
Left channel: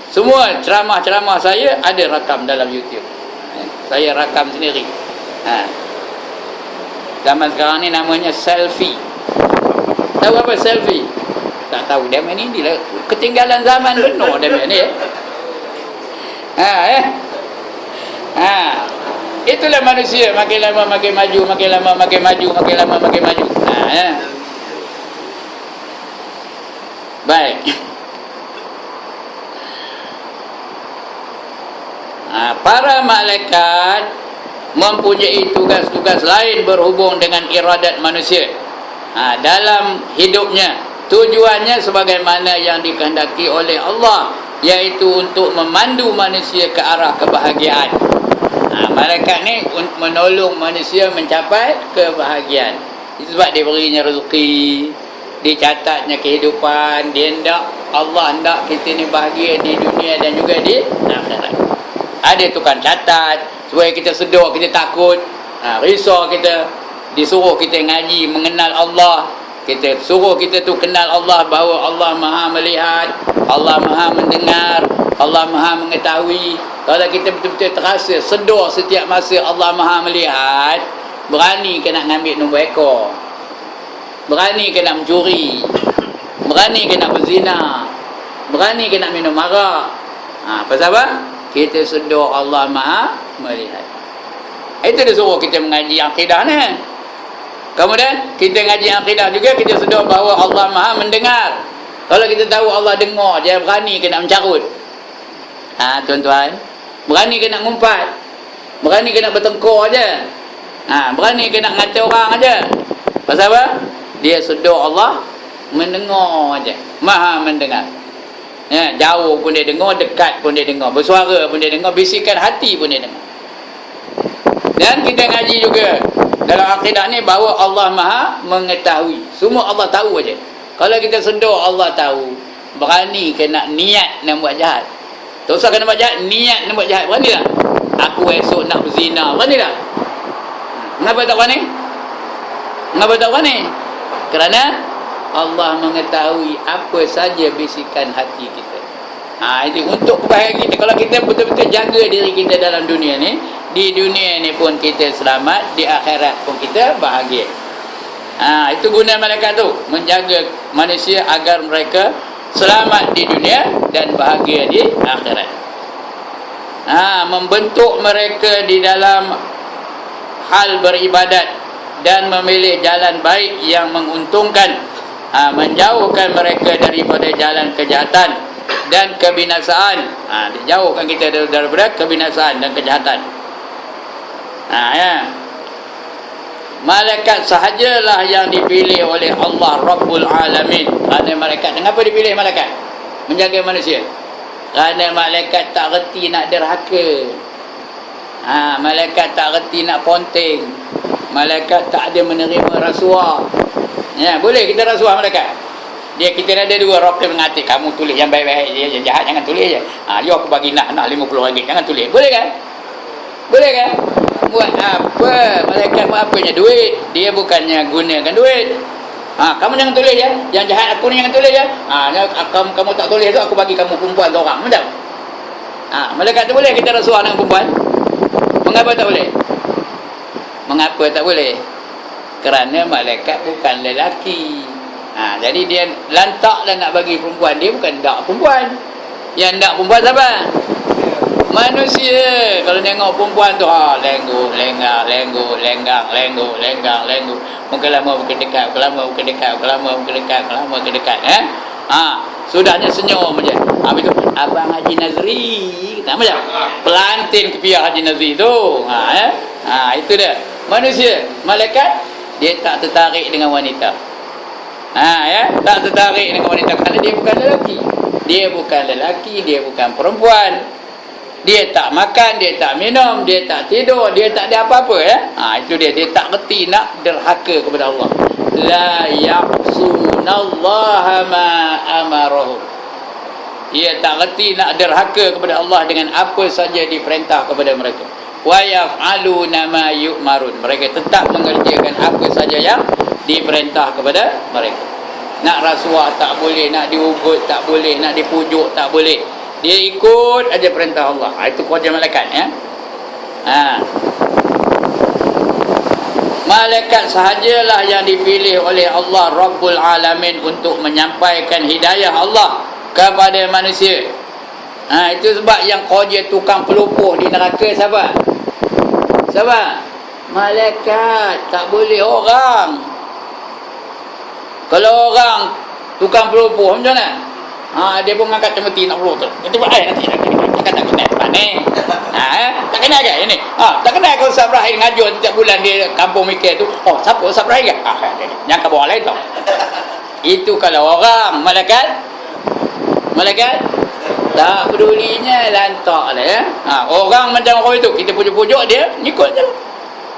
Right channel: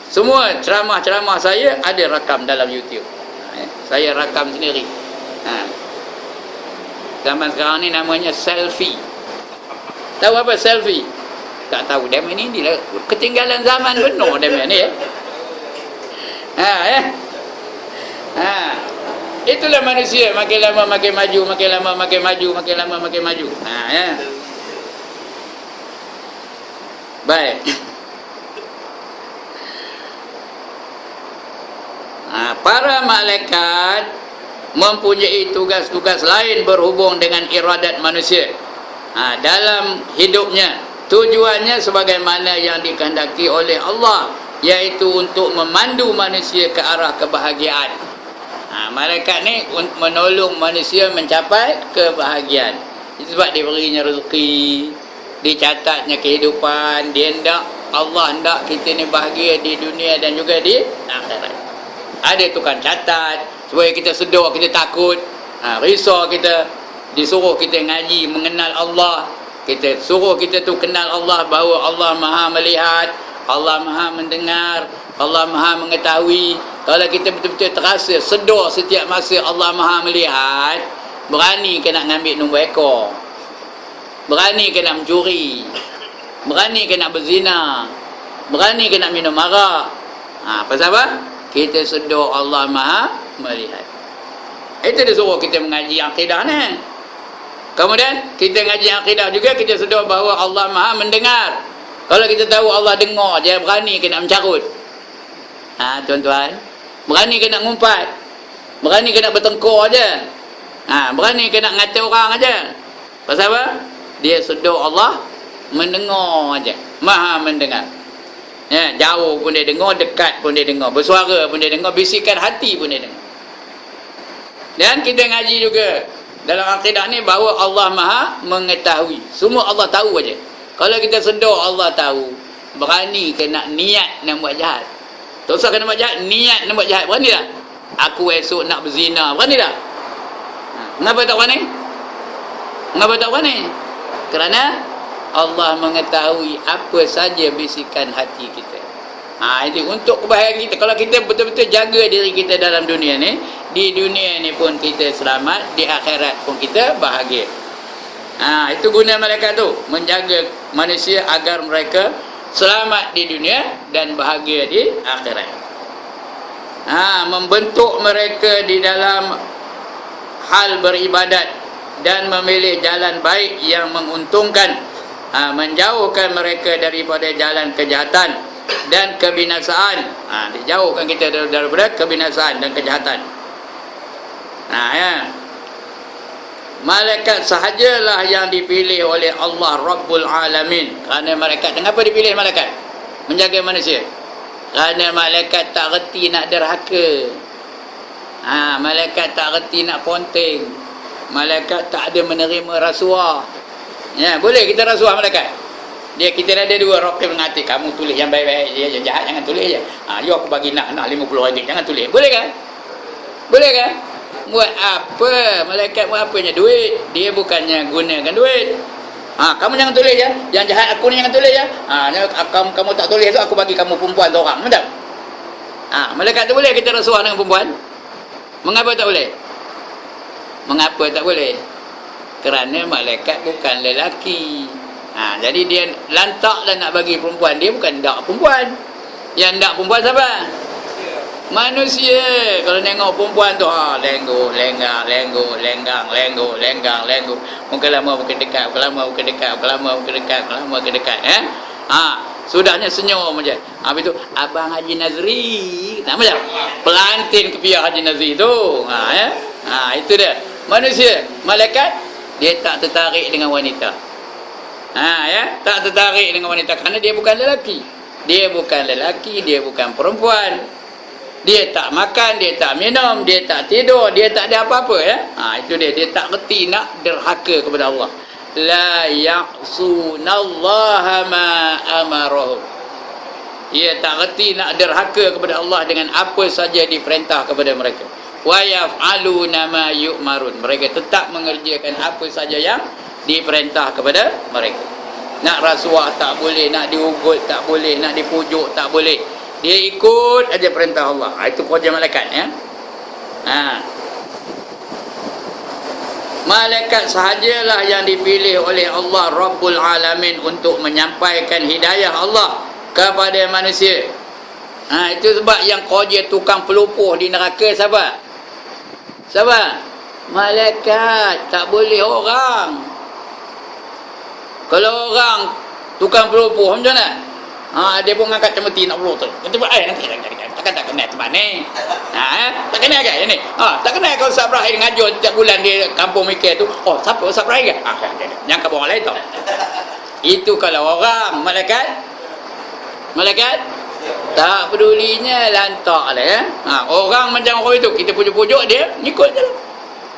Semua ceramah-ceramah saya ada rakam dalam YouTube. Saya rakam sendiri. Zaman sekarang ni namanya selfie. Tahu apa selfie? Tak tahu. Dia main ini lah. Ketinggalan zaman benar dia main ni. Itulah manusia, makin lama makin maju, makin lama makin maju, makin lama makin maju. Baik. Para malaikat mempunyai tugas-tugas lain berhubung dengan iradat manusia dalam hidupnya. Tujuannya sebagaimana yang dikehendaki oleh Allah, iaitu untuk memandu manusia ke arah kebahagiaan. Malaikat ni menolong manusia mencapai kebahagiaan. Itu sebab dia berinya rezeki, dicatatnya kehidupan. Dia hendak, Allah hendak kita ni bahagia di dunia dan juga di akhirat. Ada tukang catat supaya kita sedar, kita takut, risau kita, disuruh kita ngaji mengenal Allah. Kita suruh kita tu kenal Allah, bahawa Allah Maha melihat, Allah Maha mendengar, Allah Maha mengetahui. Kalau kita betul-betul terasa sedar setiap masa Allah Maha melihat, berani ke nak ambil nombor ekor, berani ke nak mencuri, berani ke nak berzina, berani ke nak minum arak. Pasal apa? Kita sedar Allah Maha melihat. Itu dia suruh kita mengaji akidah ni. Kemudian kita ngaji akidah juga, kita sedar bahawa Allah Maha mendengar. Kalau kita tahu Allah dengar je, berani ke nak mencarut. Tuan-tuan, berani ke nak ngumpat, berani ke nak bertengkar je, berani ke nak ngata orang aja. Pasal apa? Dia sedar Allah mendengar je, Maha mendengar. Jauh pun dia dengar, dekat pun dia dengar, bersuara pun dia dengar, bisikan hati pun dia dengar. Dan kita ngaji juga dalam akidah ni bahawa Allah Maha mengetahui. Semua Allah tahu aja. Kalau kita sedar Allah tahu, berani ke nak niat nak buat jahat. Tak usah kena buat jahat, niat nak buat jahat, berani tak? Aku esok nak berzina, berani tak? Kenapa tak berani? Kenapa tak berani? Kerana Allah mengetahui apa saja bisikan hati kita. Itu untuk kebahagiaan kita. Kalau kita betul-betul jaga diri kita dalam dunia ni, di dunia ni pun kita selamat, di akhirat pun kita bahagia. Itu guna malaikat tu, menjaga manusia agar mereka selamat di dunia dan bahagia di akhirat. Membentuk mereka di dalam hal beribadat dan memilih jalan baik yang menguntungkan, menjauhkan mereka daripada jalan kejahatan dan kebinasaan. Dijauhkan kita daripada kebinasaan dan kejahatan. Malaikat sahajalah yang dipilih oleh Allah Rabbul Alamin. Kerana malaikat, kenapa dipilih malaikat? Menjaga manusia. Kerana malaikat tak reti nak derhaka. Malaikat tak reti nak ponteng. Malaikat tak ada menerima rasuah. Boleh kita rasuah malaikat. Kita ada dua rokib mengatik. Kamu tulis yang baik-baik je, yang jahat jangan tulis je. Aku bagi nak RM50, jangan tulis. Boleh kan? Boleh kan? Buat apa? Malaikat buat apanya? Duit. Dia bukannya gunakan duit. Kamu jangan tulis ya. Yang jahat aku ni jangan tulis ya. Kamu tak tulis tu, aku bagi kamu perempuan tu orang. Betul? Malaikat tu boleh kita rasuah dengan perempuan? Mengapa tak boleh? Mengapa tak boleh? Kerana malaikat bukan lelaki. Jadi dia lantaklah nak bagi perempuan. Dia bukan dak perempuan. Yang dak perempuan siapa? Manusia. Kalau tengok perempuan tu lenggu, lenggang, lenggu, lenggang, lenggu, lenggang, lenggu. Muka lama muka dekat, muka lama muka dekat, muka lama muka dekat, muka lama muka dekat. Sudahnya senyum aja. Habis tu Abang Haji Nazri kata macam pelantin kepiah Haji Nazri tu. Itu dia. Manusia, malaikat dia tak tertarik dengan wanita. Tak tertarik dengan wanita kerana dia bukan lelaki. Dia bukan lelaki, dia bukan perempuan. Dia tak makan, dia tak minum, dia tak tidur, dia tak ada apa-apa itu dia tak reti nak derhaka kepada Allah. La ya'sunallaha ma amarahum. Dia tak reti nak derhaka kepada Allah dengan apa saja diperintah kepada mereka. Wa yaf'aluna ma yu'marun. Mereka tetap mengerjakan apa saja yang diperintah kepada mereka. Nak rasuah tak boleh, nak diugut tak boleh, nak dipujuk tak boleh. Dia ikut aja perintah Allah. Itu kerja malaikat Malaikat sahajalah yang dipilih oleh Allah Rabbul Alamin untuk menyampaikan hidayah Allah kepada manusia. Itu sebab yang kerja tukang pelupuh di neraka siapa? Siapa? Malaikat. Tak boleh orang. Kalau orang tukang pelupuh macam mana? Dia pun angkat cemeti nak peluk tu. Dia buat nanti tak kena tempat ni. Tak kena ke ini? Tak kena kalau Ustaz Ibrahim ngajar setiap bulan dia kampung mikir tu. Siapa Ustaz Ibrahim ke? Jangan kabar orang lain tu. Itu kalau orang. Malaikat tak pedulinya, lantak lah orang macam orang itu, kita pujuk-pujuk dia ngikut je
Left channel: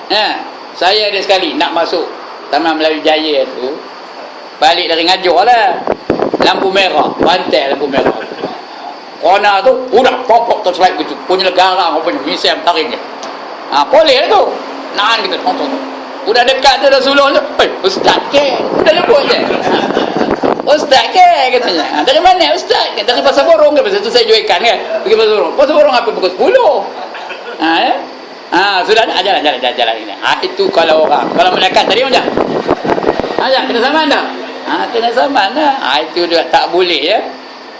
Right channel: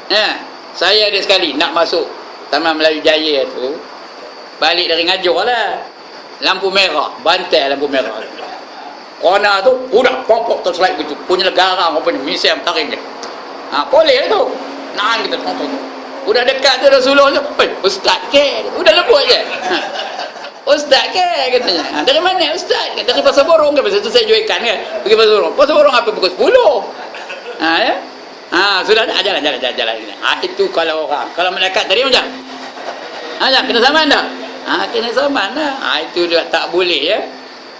lah. Saya ada sekali nak masuk Taman Melayu Jaya tu, balik dari ngajar lah, lampu merah, bantai lampu merah. Corner tu, pop-pop terselip gitu. Punya negara apa ni, misal tarik je. Boleh lah tu. Nahan kita, tonton tu. Udah dekat tu, Rasulullah tu. Ustaz ke? Udah lembut je. Ustaz ke? Katanya. Dari mana Ustaz? Dari Pasar Borong ke? Pasal tu saya jual ikan kan? Pergi Pasar Borong. Pasar Borong apa? Pukul 10. Sudah ada? Jalan. Itu kalau orang. Kalau malaikat tadi macam? Kena saman tak? Kena saman lah. Itu dia tak boleh ya.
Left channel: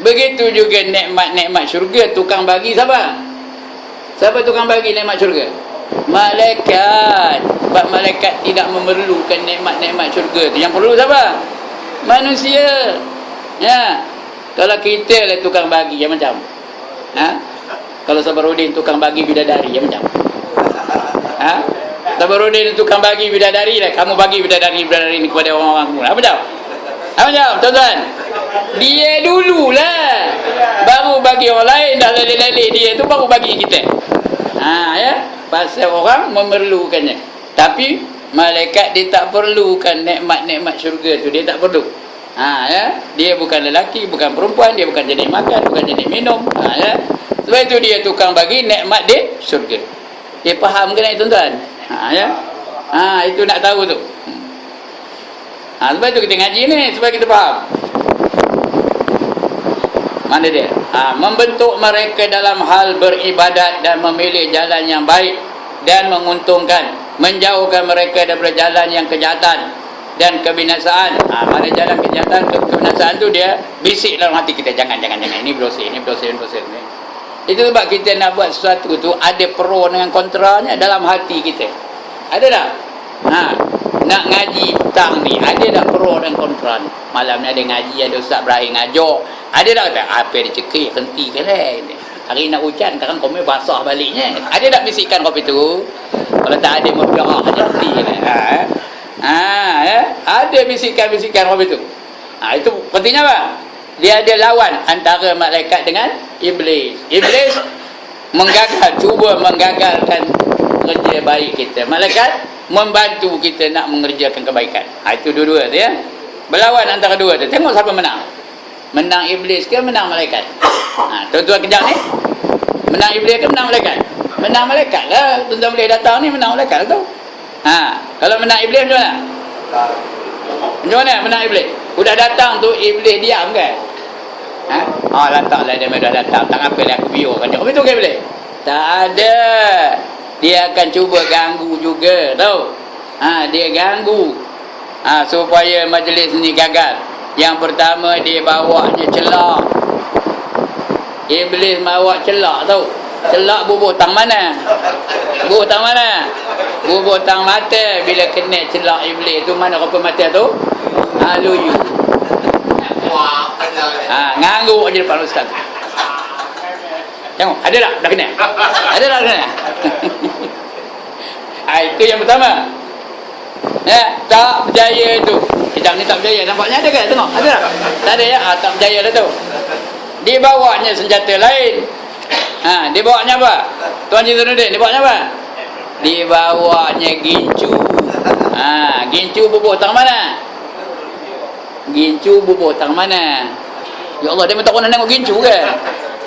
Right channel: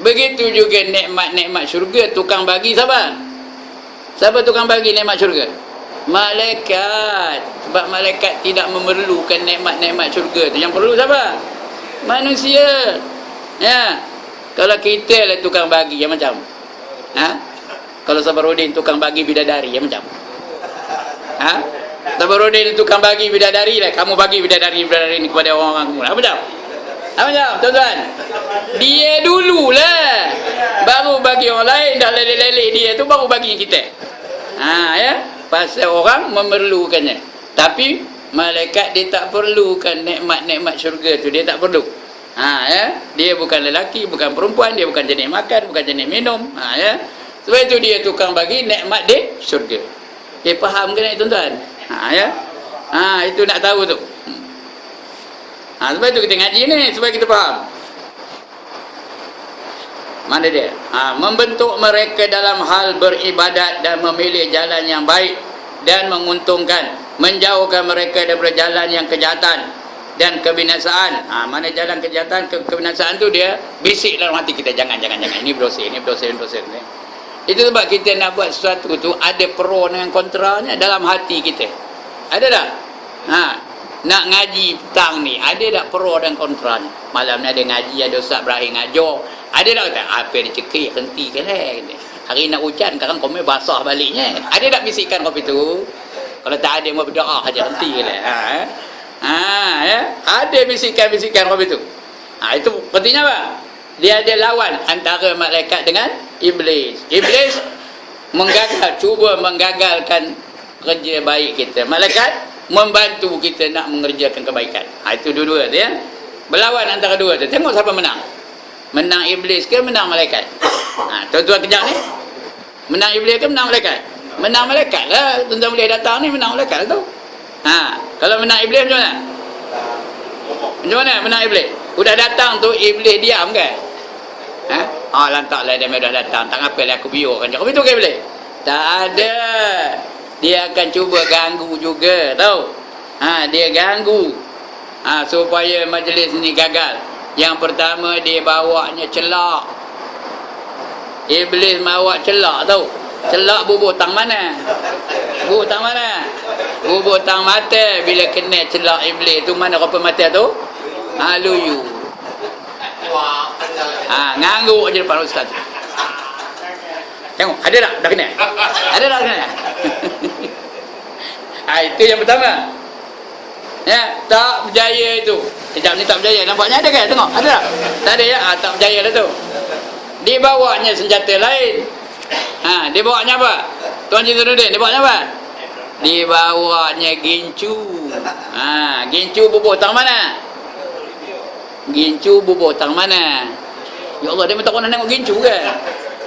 Begitu juga nikmat-nikmat syurga tukang bagi siapa? Siapa tukang bagi nikmat syurga? Malaikat. Sebab malaikat tidak memerlukan nikmat-nikmat syurga tu. Yang perlu siapa? Manusia. Ya. Kalau kita lah tukang bagi yang macam. Kalau Sabarudin tukang bagi bidadari yang macam. Sabarudin tukang bagi bidadari lah. Kamu bagi bidadari ni kepada orang-orang kamu. Apa macam? Apa jawab tuan-tuan? Dia dululah baru bagi orang lain. Dah leleh-leleh dia tu baru bagi kita. Ya. Pasal orang memerlukannya. Tapi malaikat dia tak perlukan nikmat-nikmat syurga tu. Dia tak perlu. Ya. Dia bukan lelaki, bukan perempuan, dia bukan jenis makan, bukan jenis minum. Ya. Sebab itu dia tukang bagi nikmat di syurga. Dia faham ke tak tuan-tuan? Ya. Itu nak tahu tu. Sebab itu kita ngaji ni, supaya kita faham. Mana dia? Membentuk mereka dalam hal beribadat dan memilih jalan yang baik dan menguntungkan, menjauhkan mereka daripada jalan yang kejahatan dan kebinasaan. Mana jalan kejahatan, kebinasaan tu dia bisik dalam hati kita, jangan. Ini berdosa. Itu sebab kita nak buat sesuatu tu ada pro dengan kontranya dalam hati kita. Ada tak? Nak ngaji petang ni, ada tak pro dan kontra ni? Malam ni ada ngaji, ada Ustaz Ibrahim ngajar. Ada tak kata, apa dia cekik, hentikan lah. Hari nak hujan, kadang komen basah baliknya. Ada tak bisikan kopi tu? Kalau tak ada, berdoa aja hentikan lah. Ada bisikan-bisikan kopi tu. Itu pentingnya apa? Dia ada lawan antara malaikat dengan iblis. Iblis cuba menggagalkan kerja baik kita. Malaikat membantu kita nak mengerjakan kebaikan. Itu dua-dua tu ya. Berlawan antara dua tu. Tengok siapa menang. Menang iblis ke menang malaikat? Tuan-tuan kejap ni. Menang iblis ke menang malaikat? Menang malaikat lah. Tuan-tuan boleh datang ni menang malaikat lah tu. Kalau menang iblis macam mana? Macam mana menang iblis? Udah datang tu iblis diam kan? Lantaklah dia dah datang. Tak apalah aku biarkan dia. Betul ke iblis? Tak ada. Dia akan cuba ganggu juga, tahu? Dia ganggu supaya majlis ni gagal. Yang pertama dia bawanya celak. Iblis bawa celak, tahu? Celak bubur tang mana? Bubur tang mana? Bubur tang mata. Bila kena celak iblis tu, mana rupa mata tu? Luyu. Nganggu aja depan ustaz tu. Tengok, ada tak dah kena? Ada tak kena? Itu yang pertama. Tak berjaya itu. Sekejap ni tak berjaya. Nampaknya ada kan? Tengok, ada tak? Tak ada ya? Tak berjaya dah tu. Dibawanya senjata lain. Dibawanya apa? Tuan Cik Sanudin, dibawanya apa? Dibawanya gincu. Gincu bubur tang mana? Gincu bubur tang mana? Ya Allah, dia tak nak tengok gincu ke?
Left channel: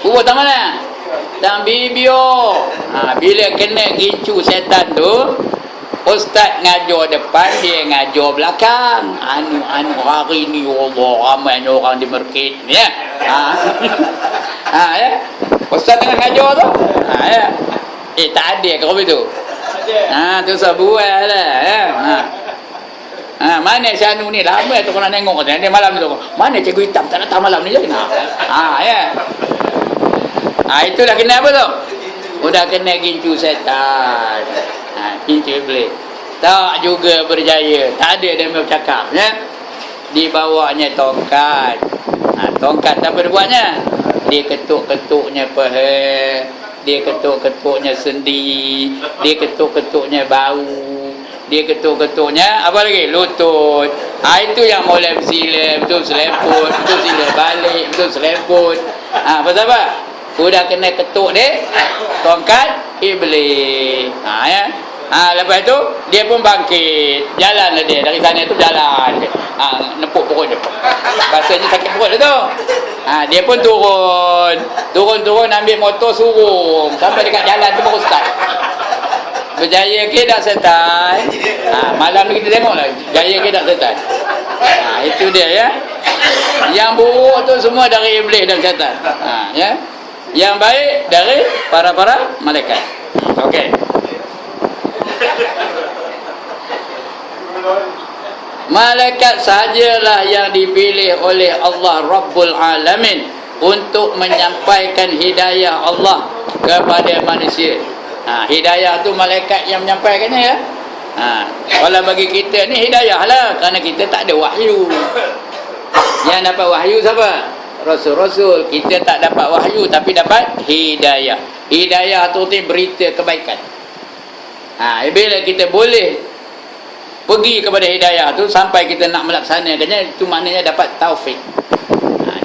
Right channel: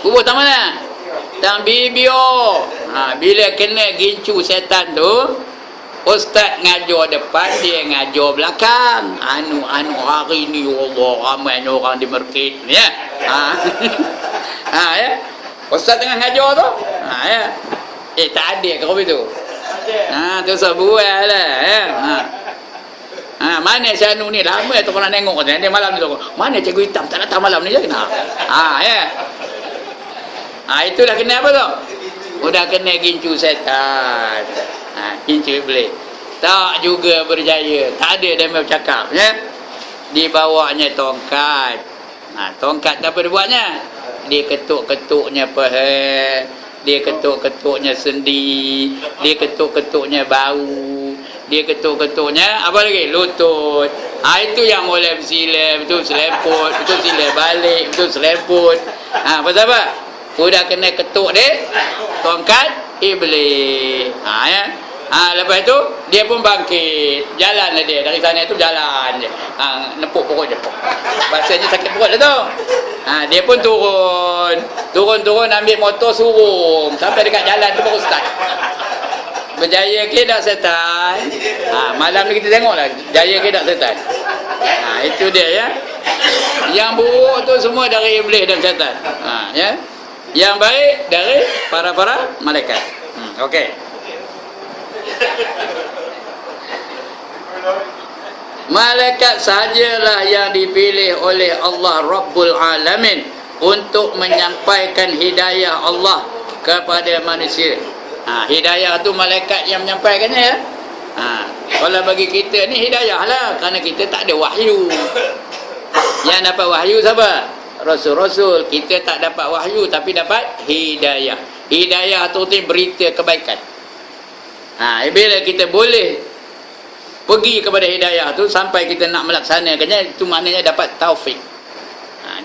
Bubur tang mana? Tang bibio. Bila kena gincu setan tu, ustaz ngajar depan, dia ngajar belakang. Anu hari ni Allah ramai orang di market ni ya. Ya. Ustaz tengah ngajar tu. Ya. Tak ada ke kopi tu? Tu sebuah lah ya. Mana si Anu ni lama tu kalau tengok dia malam ni tu. Mana cikgu hitam tak datang malam ni je kena. Ya. Itulah kena apa tu? Udah kena gincu setan. Gincu iblis. Tak juga berjaya. Tak ada dia bercakap ya. Dibawanya tongkat. Tongkat apa dia buatnya? Dia ketuk-ketuknya peha. Dia ketuk-ketuknya sendi. Dia ketuk-ketuknya bau. Dia ketuk-ketuknya apa lagi? Lutut. Itu yang mulai bersilap, betul selemput, betul silap balik, betul selemput. Pasal apa? Udah kena ketuk dia tongkat iblis. Ya. Lepas tu dia pun bangkit. Jalan dia dari sana tu jalan dia. Nepuk perut dia. Rasanya sakit perut dia tu. Dia pun turun ambil motor surung sampai dekat jalan tu baru start. Berjaya ke tak setan? Malam ni kita tengoklah jaya ke tak setan. Itu dia ya. Yang buruk tu semua dari iblis dan setan. Ya. Yang baik dari para malaikat. Okey. Malaikat sahajalah yang dipilih oleh Allah Rabbul Alamin untuk menyampaikan hidayah Allah kepada manusia. Hidayah tu malaikat yang menyampaikannya ya. Kalau bagi kita ni hidayah lah, kerana kita tak ada wahyu. Yang dapat wahyu siapa? Rasul-rasul. Kita tak dapat wahyu tapi dapat hidayah. Hidayah tu berita kebaikan. Bila kita boleh pergi kepada hidayah tu sampai kita nak melaksanakannya, itu maknanya dapat taufik.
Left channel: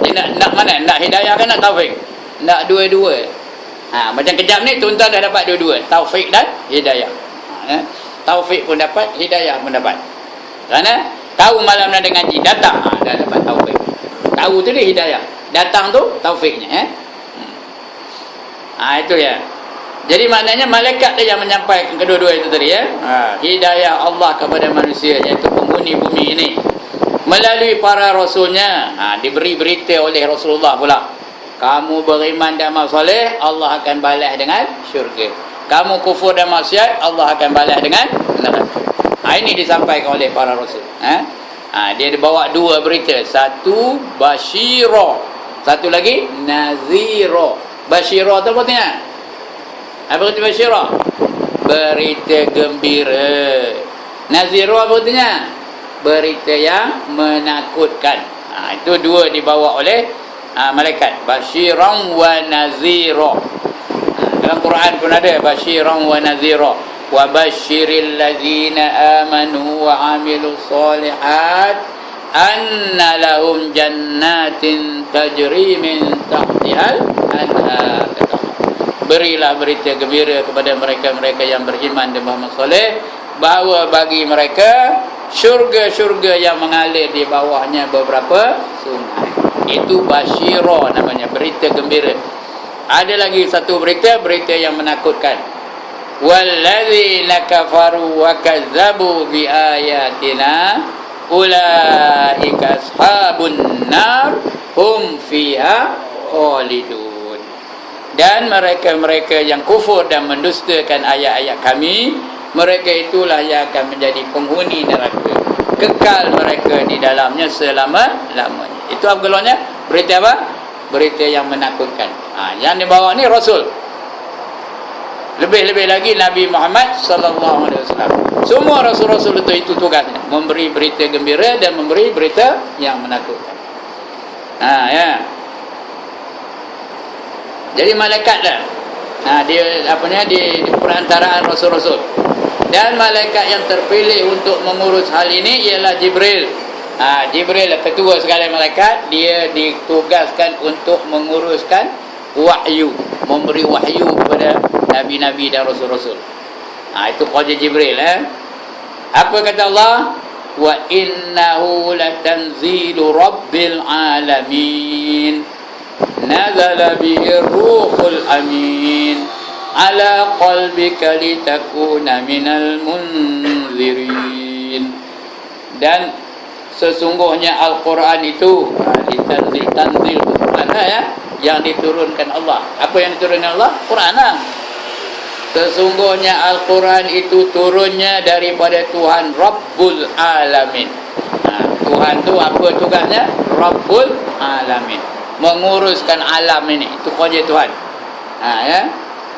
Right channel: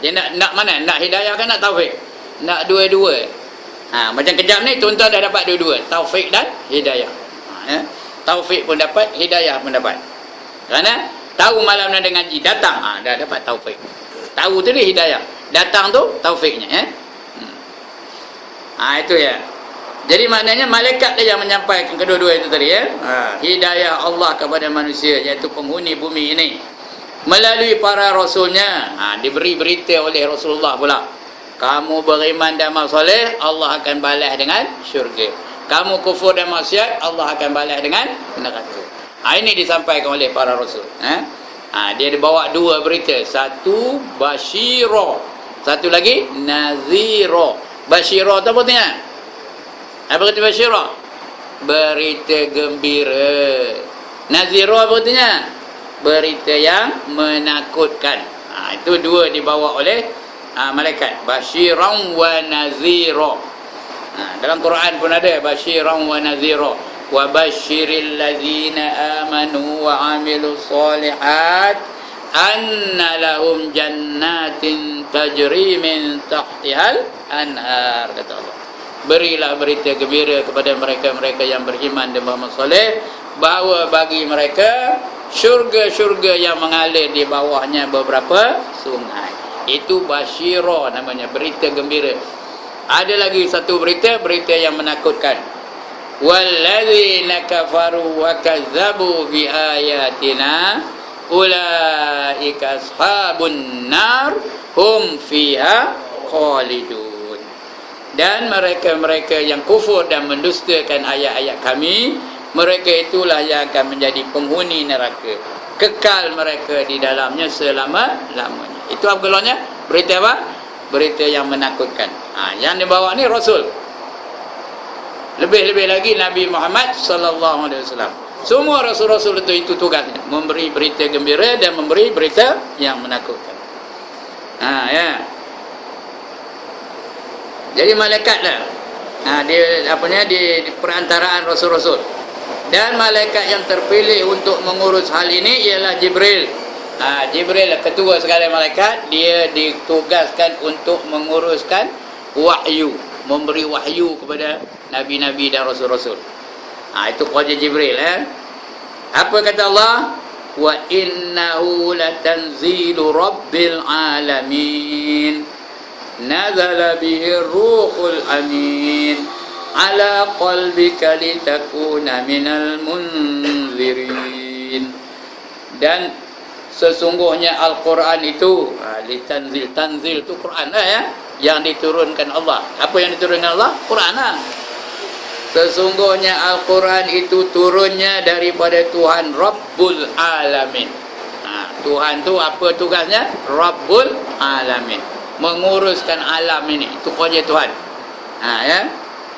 Dia nak mana? Nak hidayah kan nak taufik? Nak dua-dua. Macam kejap ni tuan-tuan dah dapat dua-dua, taufik dan hidayah. Taufik pun dapat, hidayah pun dapat. Kerana tahu malam nak ngaji, datang dah dapat taufik. Tahu tu dia hidayah, datang tu taufiknya. Itu ya. Jadi maknanya malaikat dia yang menyampaikan kedua-dua itu tadi ya. Hidayah Allah kepada manusia, iaitu penghuni bumi ini melalui para rasulnya. Diberi berita oleh Rasulullah pula. Kamu beriman dan amal soleh, Allah akan balas dengan syurga. kamu kufur dan maksiat, Allah akan balas dengan neraka. Ini disampaikan oleh para rasul. Dia dibawa dua berita. Satu basyira, satu lagi nazira. Basyira tu apa artinya? Apa arti basyira? Berita gembira. Nazira apa artinya? Berita yang menakutkan. Itu dua dibawa oleh malaikat. Basyiran wa nazira. Dalam Quran pun ada basyiran wa nazira. Wa basyiril ladzina amanu wa amilus solihat anna lahum jannatin tajri min tahtihal anhar. Kata Allah, berilah berita gembira kepada mereka-mereka yang beriman dan beramal soleh, bahawa bagi mereka syurga-syurga yang mengalir di bawahnya beberapa sungai. Itu basyira namanya, berita gembira. Ada lagi satu berita yang menakutkan. Walladzina kafaru wa kazzabu bi ayatina ulaika ashabun nar hum fiha khalidun. Dan mereka-mereka yang kufur dan mendustakan ayat-ayat kami, mereka itulah yang akan menjadi penghuni neraka, kekal mereka di dalamnya selama-lamanya. Itu apa gelarnya? Berita apa? Berita yang menakutkan. Yang dibawa ni Rasul. Lebih-lebih lagi Nabi Muhammad sallallahu alaihi wasallam. Semua rasul-rasul itu tugasnya memberi berita gembira dan memberi berita yang menakutkan. Ya. Jadi malaikatlah. Dia di perantaraan rasul-rasul. Dan malaikat yang terpilih untuk mengurus hal ini ialah Jibril. Jibril ketua segala malaikat, dia ditugaskan untuk menguruskan wahyu, memberi wahyu kepada nabi-nabi dan rasul-rasul. Itu kerja Jibril. Apa kata Allah? Wa innahu latanzilu rabbil alamin nazala bihi ruhul amin ala qalbika litakuna minal munzirin. Dan sesungguhnya Al-Quran itu tanzil itu Quran yang diturunkan Allah. Apa yang diturunkan Allah? Quran Sesungguhnya Al-Quran itu turunnya daripada Tuhan Rabbul Alamin. Tuhan tu apa tugasnya? Rabbul Alamin, menguruskan alam ini. Itu kerja Tuhan.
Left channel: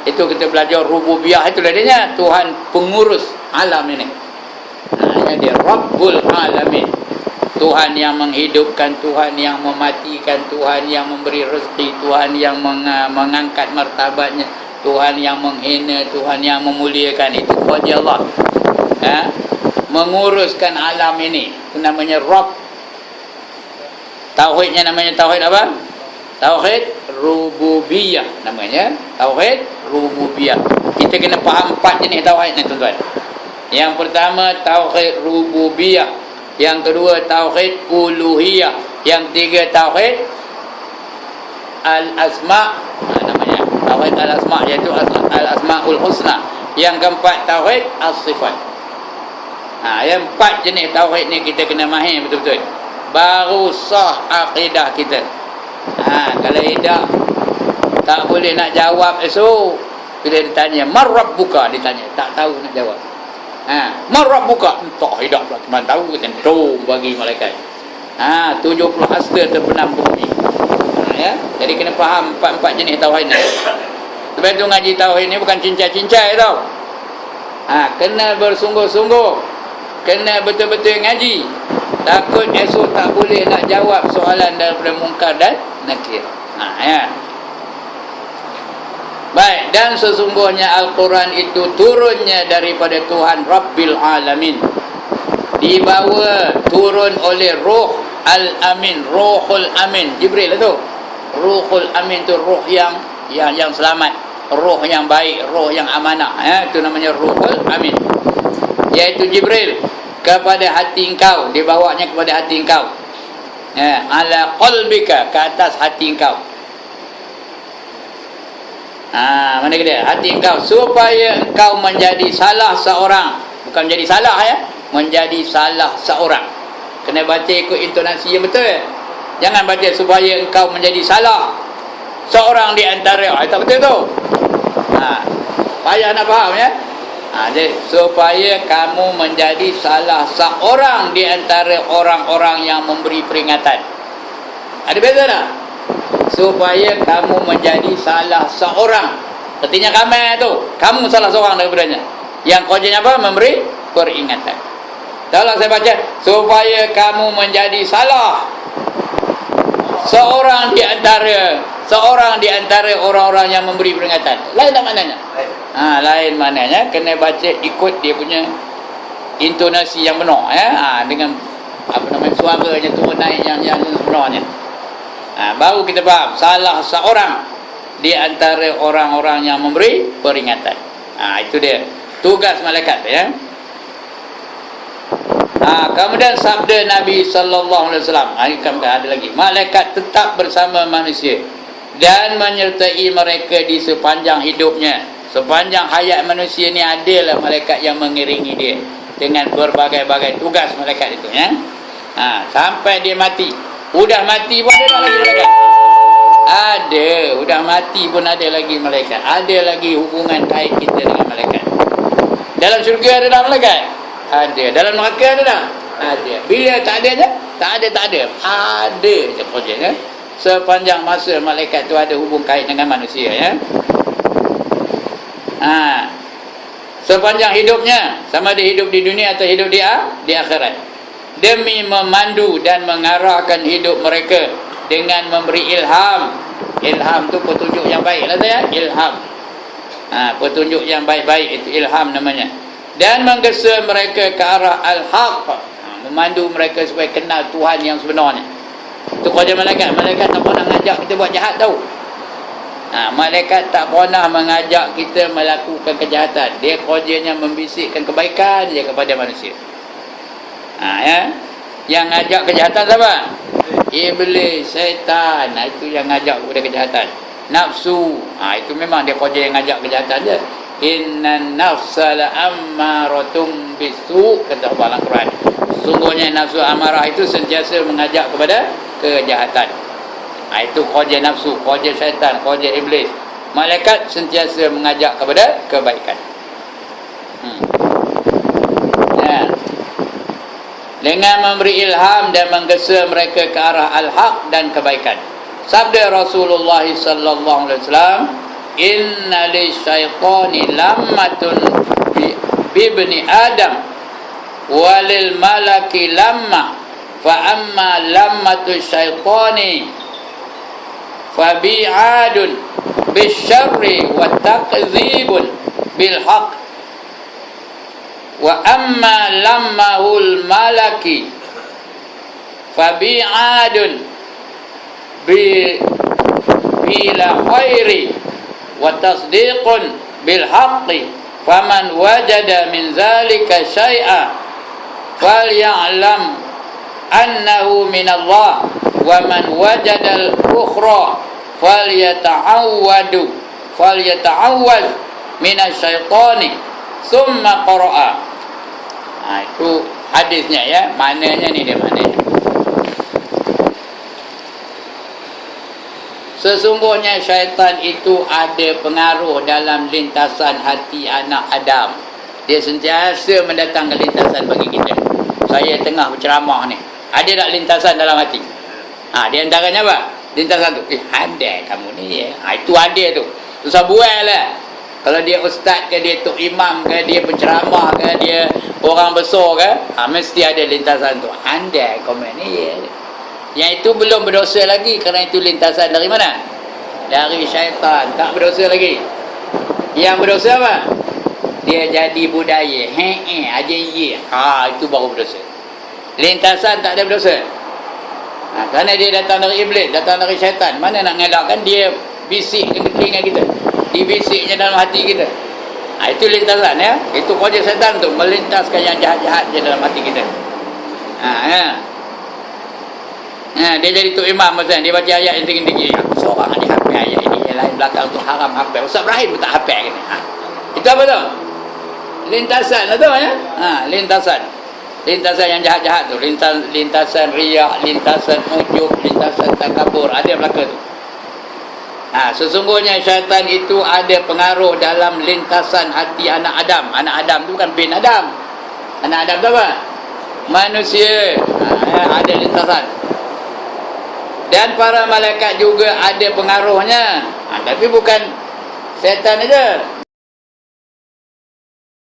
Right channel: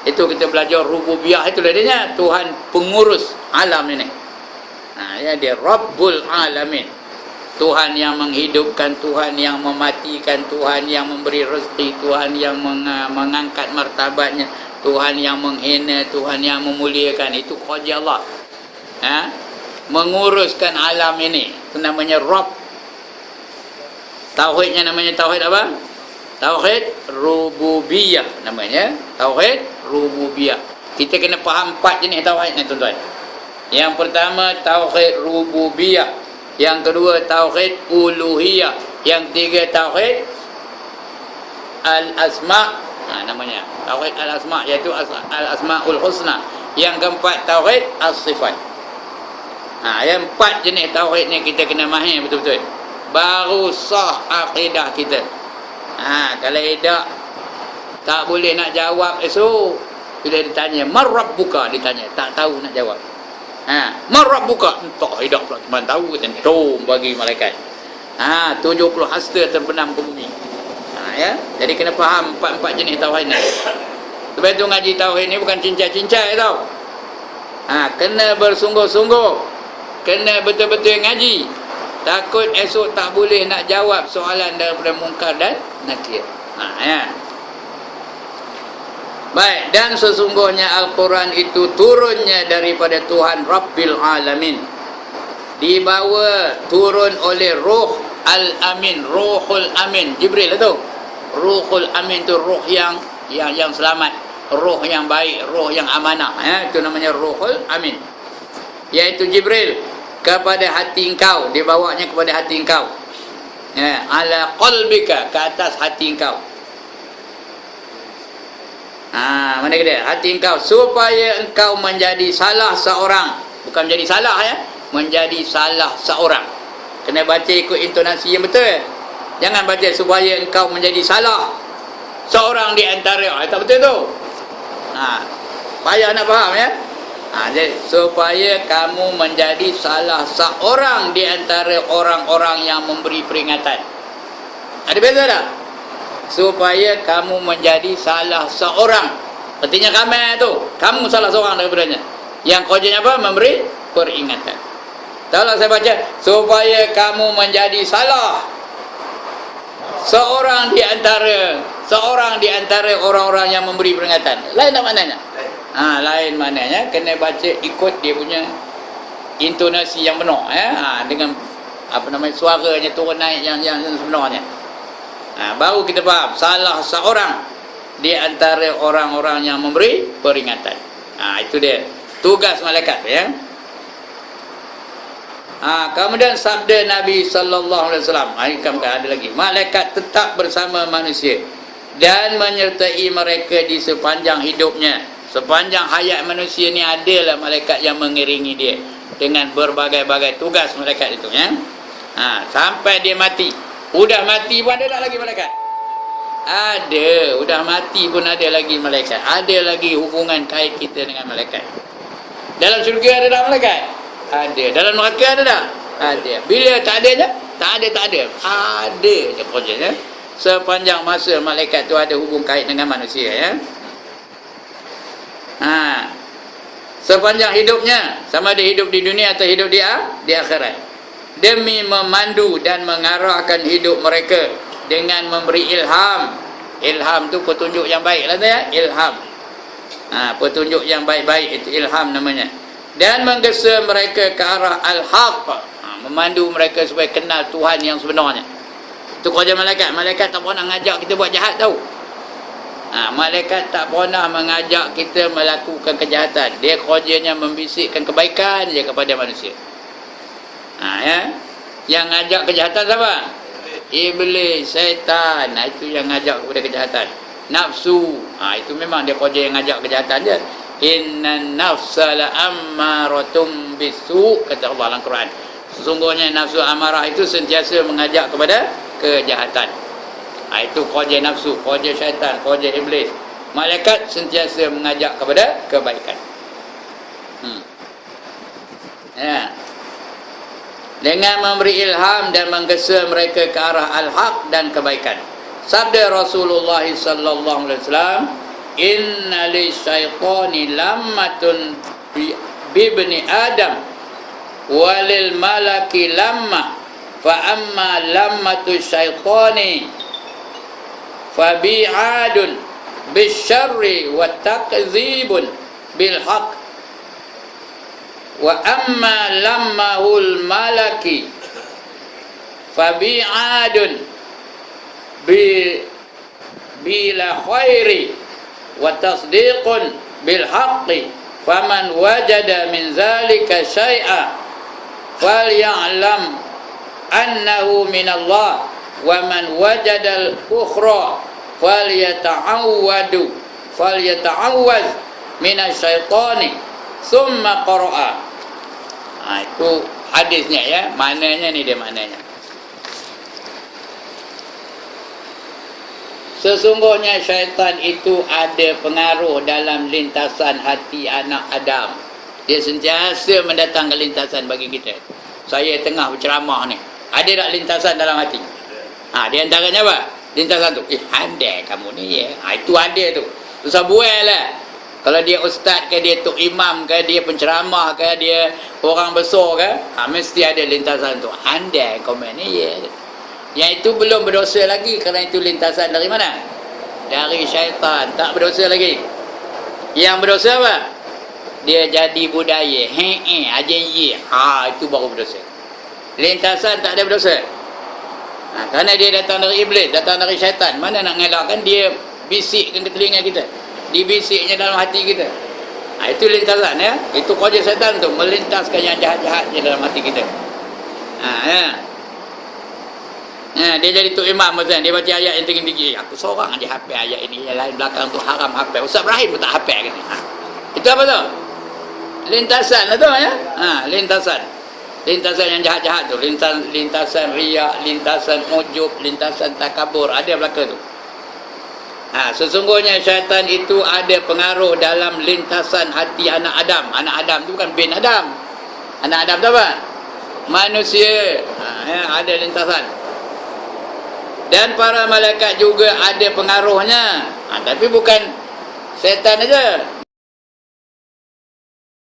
Itu kita belajar rububiyah, itulah dia, Tuhan pengurus alam ini. Dia Rabbul Alamin, Tuhan yang menghidupkan, Tuhan yang mematikan, Tuhan yang memberi rezeki, Tuhan yang mengangkat martabatnya, Tuhan yang menghina, Tuhan yang memuliakan. Itu kerja Allah. Menguruskan alam ini. Itu namanya Rabb. Tauhidnya namanya tauhid apa? Tauhid rububiyah namanya. Tauhid rububiyah. Kita kena faham 4 jenis tauhid ni, tuan-tuan. Yang pertama tauhid rububiyah. Yang kedua tauhid uluhiyah. Yang tiga tauhid al-asma', namanya tauhid al-asma', iaitu al-asma'ul husna. Yang keempat tauhid as-sifat. Yang 4 jenis tauhid ni kita kena mahir betul-betul, baru sah akidah kita. Kalau tidak, tak boleh nak jawab esok. Bila ditanya man rabbuka, ditanya tak tahu nak jawab. Man rabbuka, entah hidup pula cuma tahu tentu bagi malaikat. 70 hasta terbenam bumi. Jadi kena faham 4 jenis tauhid ni. Sebab tu ngaji tauhid ni bukan cincai-cincai tau. Kena bersungguh-sungguh, kena betul-betul ngaji. Takut esok tak boleh nak jawab soalan daripada mungkar dan nakir. Baik, dan sesungguhnya Al-Quran itu turunnya daripada Tuhan Rabbil Alamin, dibawa turun oleh Ruh Al-Amin, Ruhul Amin. Jibril itu Ruhul Amin, itu ruh yang selamat, ruh yang baik, ruh yang amanah. Itu namanya Ruhul Amin, iaitu Jibril, kepada hati engkau, dibawanya kepada hati engkau. Ala qalbika, ke atas hati engkau. Mana dia? Hati engkau, supaya engkau menjadi salah seorang. Bukan menjadi salah menjadi salah seorang. Kena baca ikut intonasi yang betul. Jangan baca supaya engkau menjadi salah seorang di antara. Tak betul tu. payah nak faham ya. Jadi supaya kamu menjadi salah seorang di antara orang-orang yang memberi peringatan. Ada beza tak? Supaya kamu menjadi salah seorang. Artinya kamu tu, kamu salah seorang daripadanya. Yang kerjanya apa? Memberi peringatan. Kalau saya baca, supaya kamu menjadi salah seorang di antara orang-orang yang memberi peringatan. Lain tak maknanya? Lain maknanya, kena baca ikut dia punya intonasi yang benar ya. Dengan apa namanya, suaranya turun naik yang sebenarnya. Baru kita faham salah seorang di antara orang-orang yang memberi peringatan. Itu dia tugas malaikat ya. Kemudian sabda Nabi sallallahu alaihi wasallam, ada lagi, malaikat tetap bersama manusia dan menyertai mereka di sepanjang hidupnya. Sepanjang hayat manusia ni adalah malaikat yang mengiringi dia dengan berbagai-bagai tugas malaikat itu ya. Sampai dia mati. Udah mati pun ada tak lagi malaikat? Ada. Udah mati pun ada lagi malaikat. Ada lagi hubungan kait kita dengan malaikat. Dalam syurga ada tak malaikat? Ada. Dalam neraka ada tak? Ada. Bila tak ada je? Tak ada. Ada je kerjanya. Sepanjang masa malaikat tu ada hubung kait dengan manusia ya. Sepanjang hidupnya, sama ada hidup di dunia atau hidup di akhirat, demi memandu dan mengarahkan hidup mereka dengan memberi ilham. Ilham tu petunjuk yang baik lah saya. Ilham. Petunjuk yang baik-baik itu ilham namanya. Dan menggesa mereka ke arah al-haq. Memandu mereka supaya kenal Tuhan yang sebenarnya. Itu kerja malaikat. Malaikat tak pernah ngajak kita buat jahat tau. Malaikat tak pernah mengajak kita melakukan kejahatan. Dia kerjanya membisikkan kebaikan je kepada manusia. Ya. Yang ngajak kejahatan siapa? Iblis, syaitan. Itu yang ngajak kepada kejahatan. Nafsu. Itu memang dia kerja yang ngajak kejahatan je. Innan nafsa la'ammaratum bisu, kata Allah dalam Quran. Sesungguhnya nafsu amarah itu sentiasa mengajak kepada kejahatan. Itu kerja nafsu, kerja syaitan, kerja iblis. Malaikat sentiasa mengajak kepada kebaikan. Dengan memberi ilham dan menggesa mereka ke arah al-haq dan kebaikan. Sabda Rasulullah sallallahu alaihi wasallam, inna lisyaitani lammatun bibni Adam walil malaki lamma fa amma lammatu syaitani fabi'adun bisyarri wa takzibun bilhaq wa amma lammahul malaki fabi'adun bila khairi wa tasdiqun bilhaqqi faman wajada min zalika syai'a falya'lam annahu minallah wa man wajadal ukhra falyata'awwaz minasyaitani summa qara'a. Itu hadisnya ya. Maknanya ni dia maknanya. Sesungguhnya syaitan itu ada pengaruh dalam lintasan hati anak Adam. Dia sentiasa mendatangkan lintasan bagi kita. Saya tengah berceramah ni, ada tak lintasan dalam hati? Di antaranya apa? Lintasan tu, handai kamu ni ya. Itu ada tu. Susah buat lah. Kalau dia ustaz ke, dia tok imam ke, dia penceramah ke, dia orang besar ke, mesti ada lintasan tu. Handai komen ni ya. Yang itu belum berdosa lagi, kerana itu lintasan dari mana? Dari syaitan. Tak berdosa lagi. Yang berdosa apa? Dia jadi budaya. Aja ye. Itu baru berdosa. Lintasan tak ada berdosa. Kerana dia datang dari iblis, datang dari syaitan. Mana nak ngelakkan? Dia bisikkan ke telinga kita, dibisiknya dalam hati kita. Itu lintasan ya. Itu kerja syaitan tu, melintaskan yang jahat-jahat je dalam hati kita. Dia jadi tok imam macam dia baca ayat yang tinggi-tinggi. Seorang dia hafal ayat ini, yang lain belakang tu haram hafal. Ustaz Ibrahim pun tak hafal kan. Itu apa tu? Lintasan lah tu ya. Lintasan. Lintasan yang jahat-jahat tu, lintasan riak, lintasan ujub, lintasan takabur, ada yang belaka tu. Sesungguhnya syaitan itu ada pengaruh dalam lintasan hati anak Adam. Anak Adam tu bukan bin Adam. Anak Adam tu apa? Manusia. Ada lintasan. Dan para malaikat juga ada pengaruhnya. Tapi bukan syaitan aja.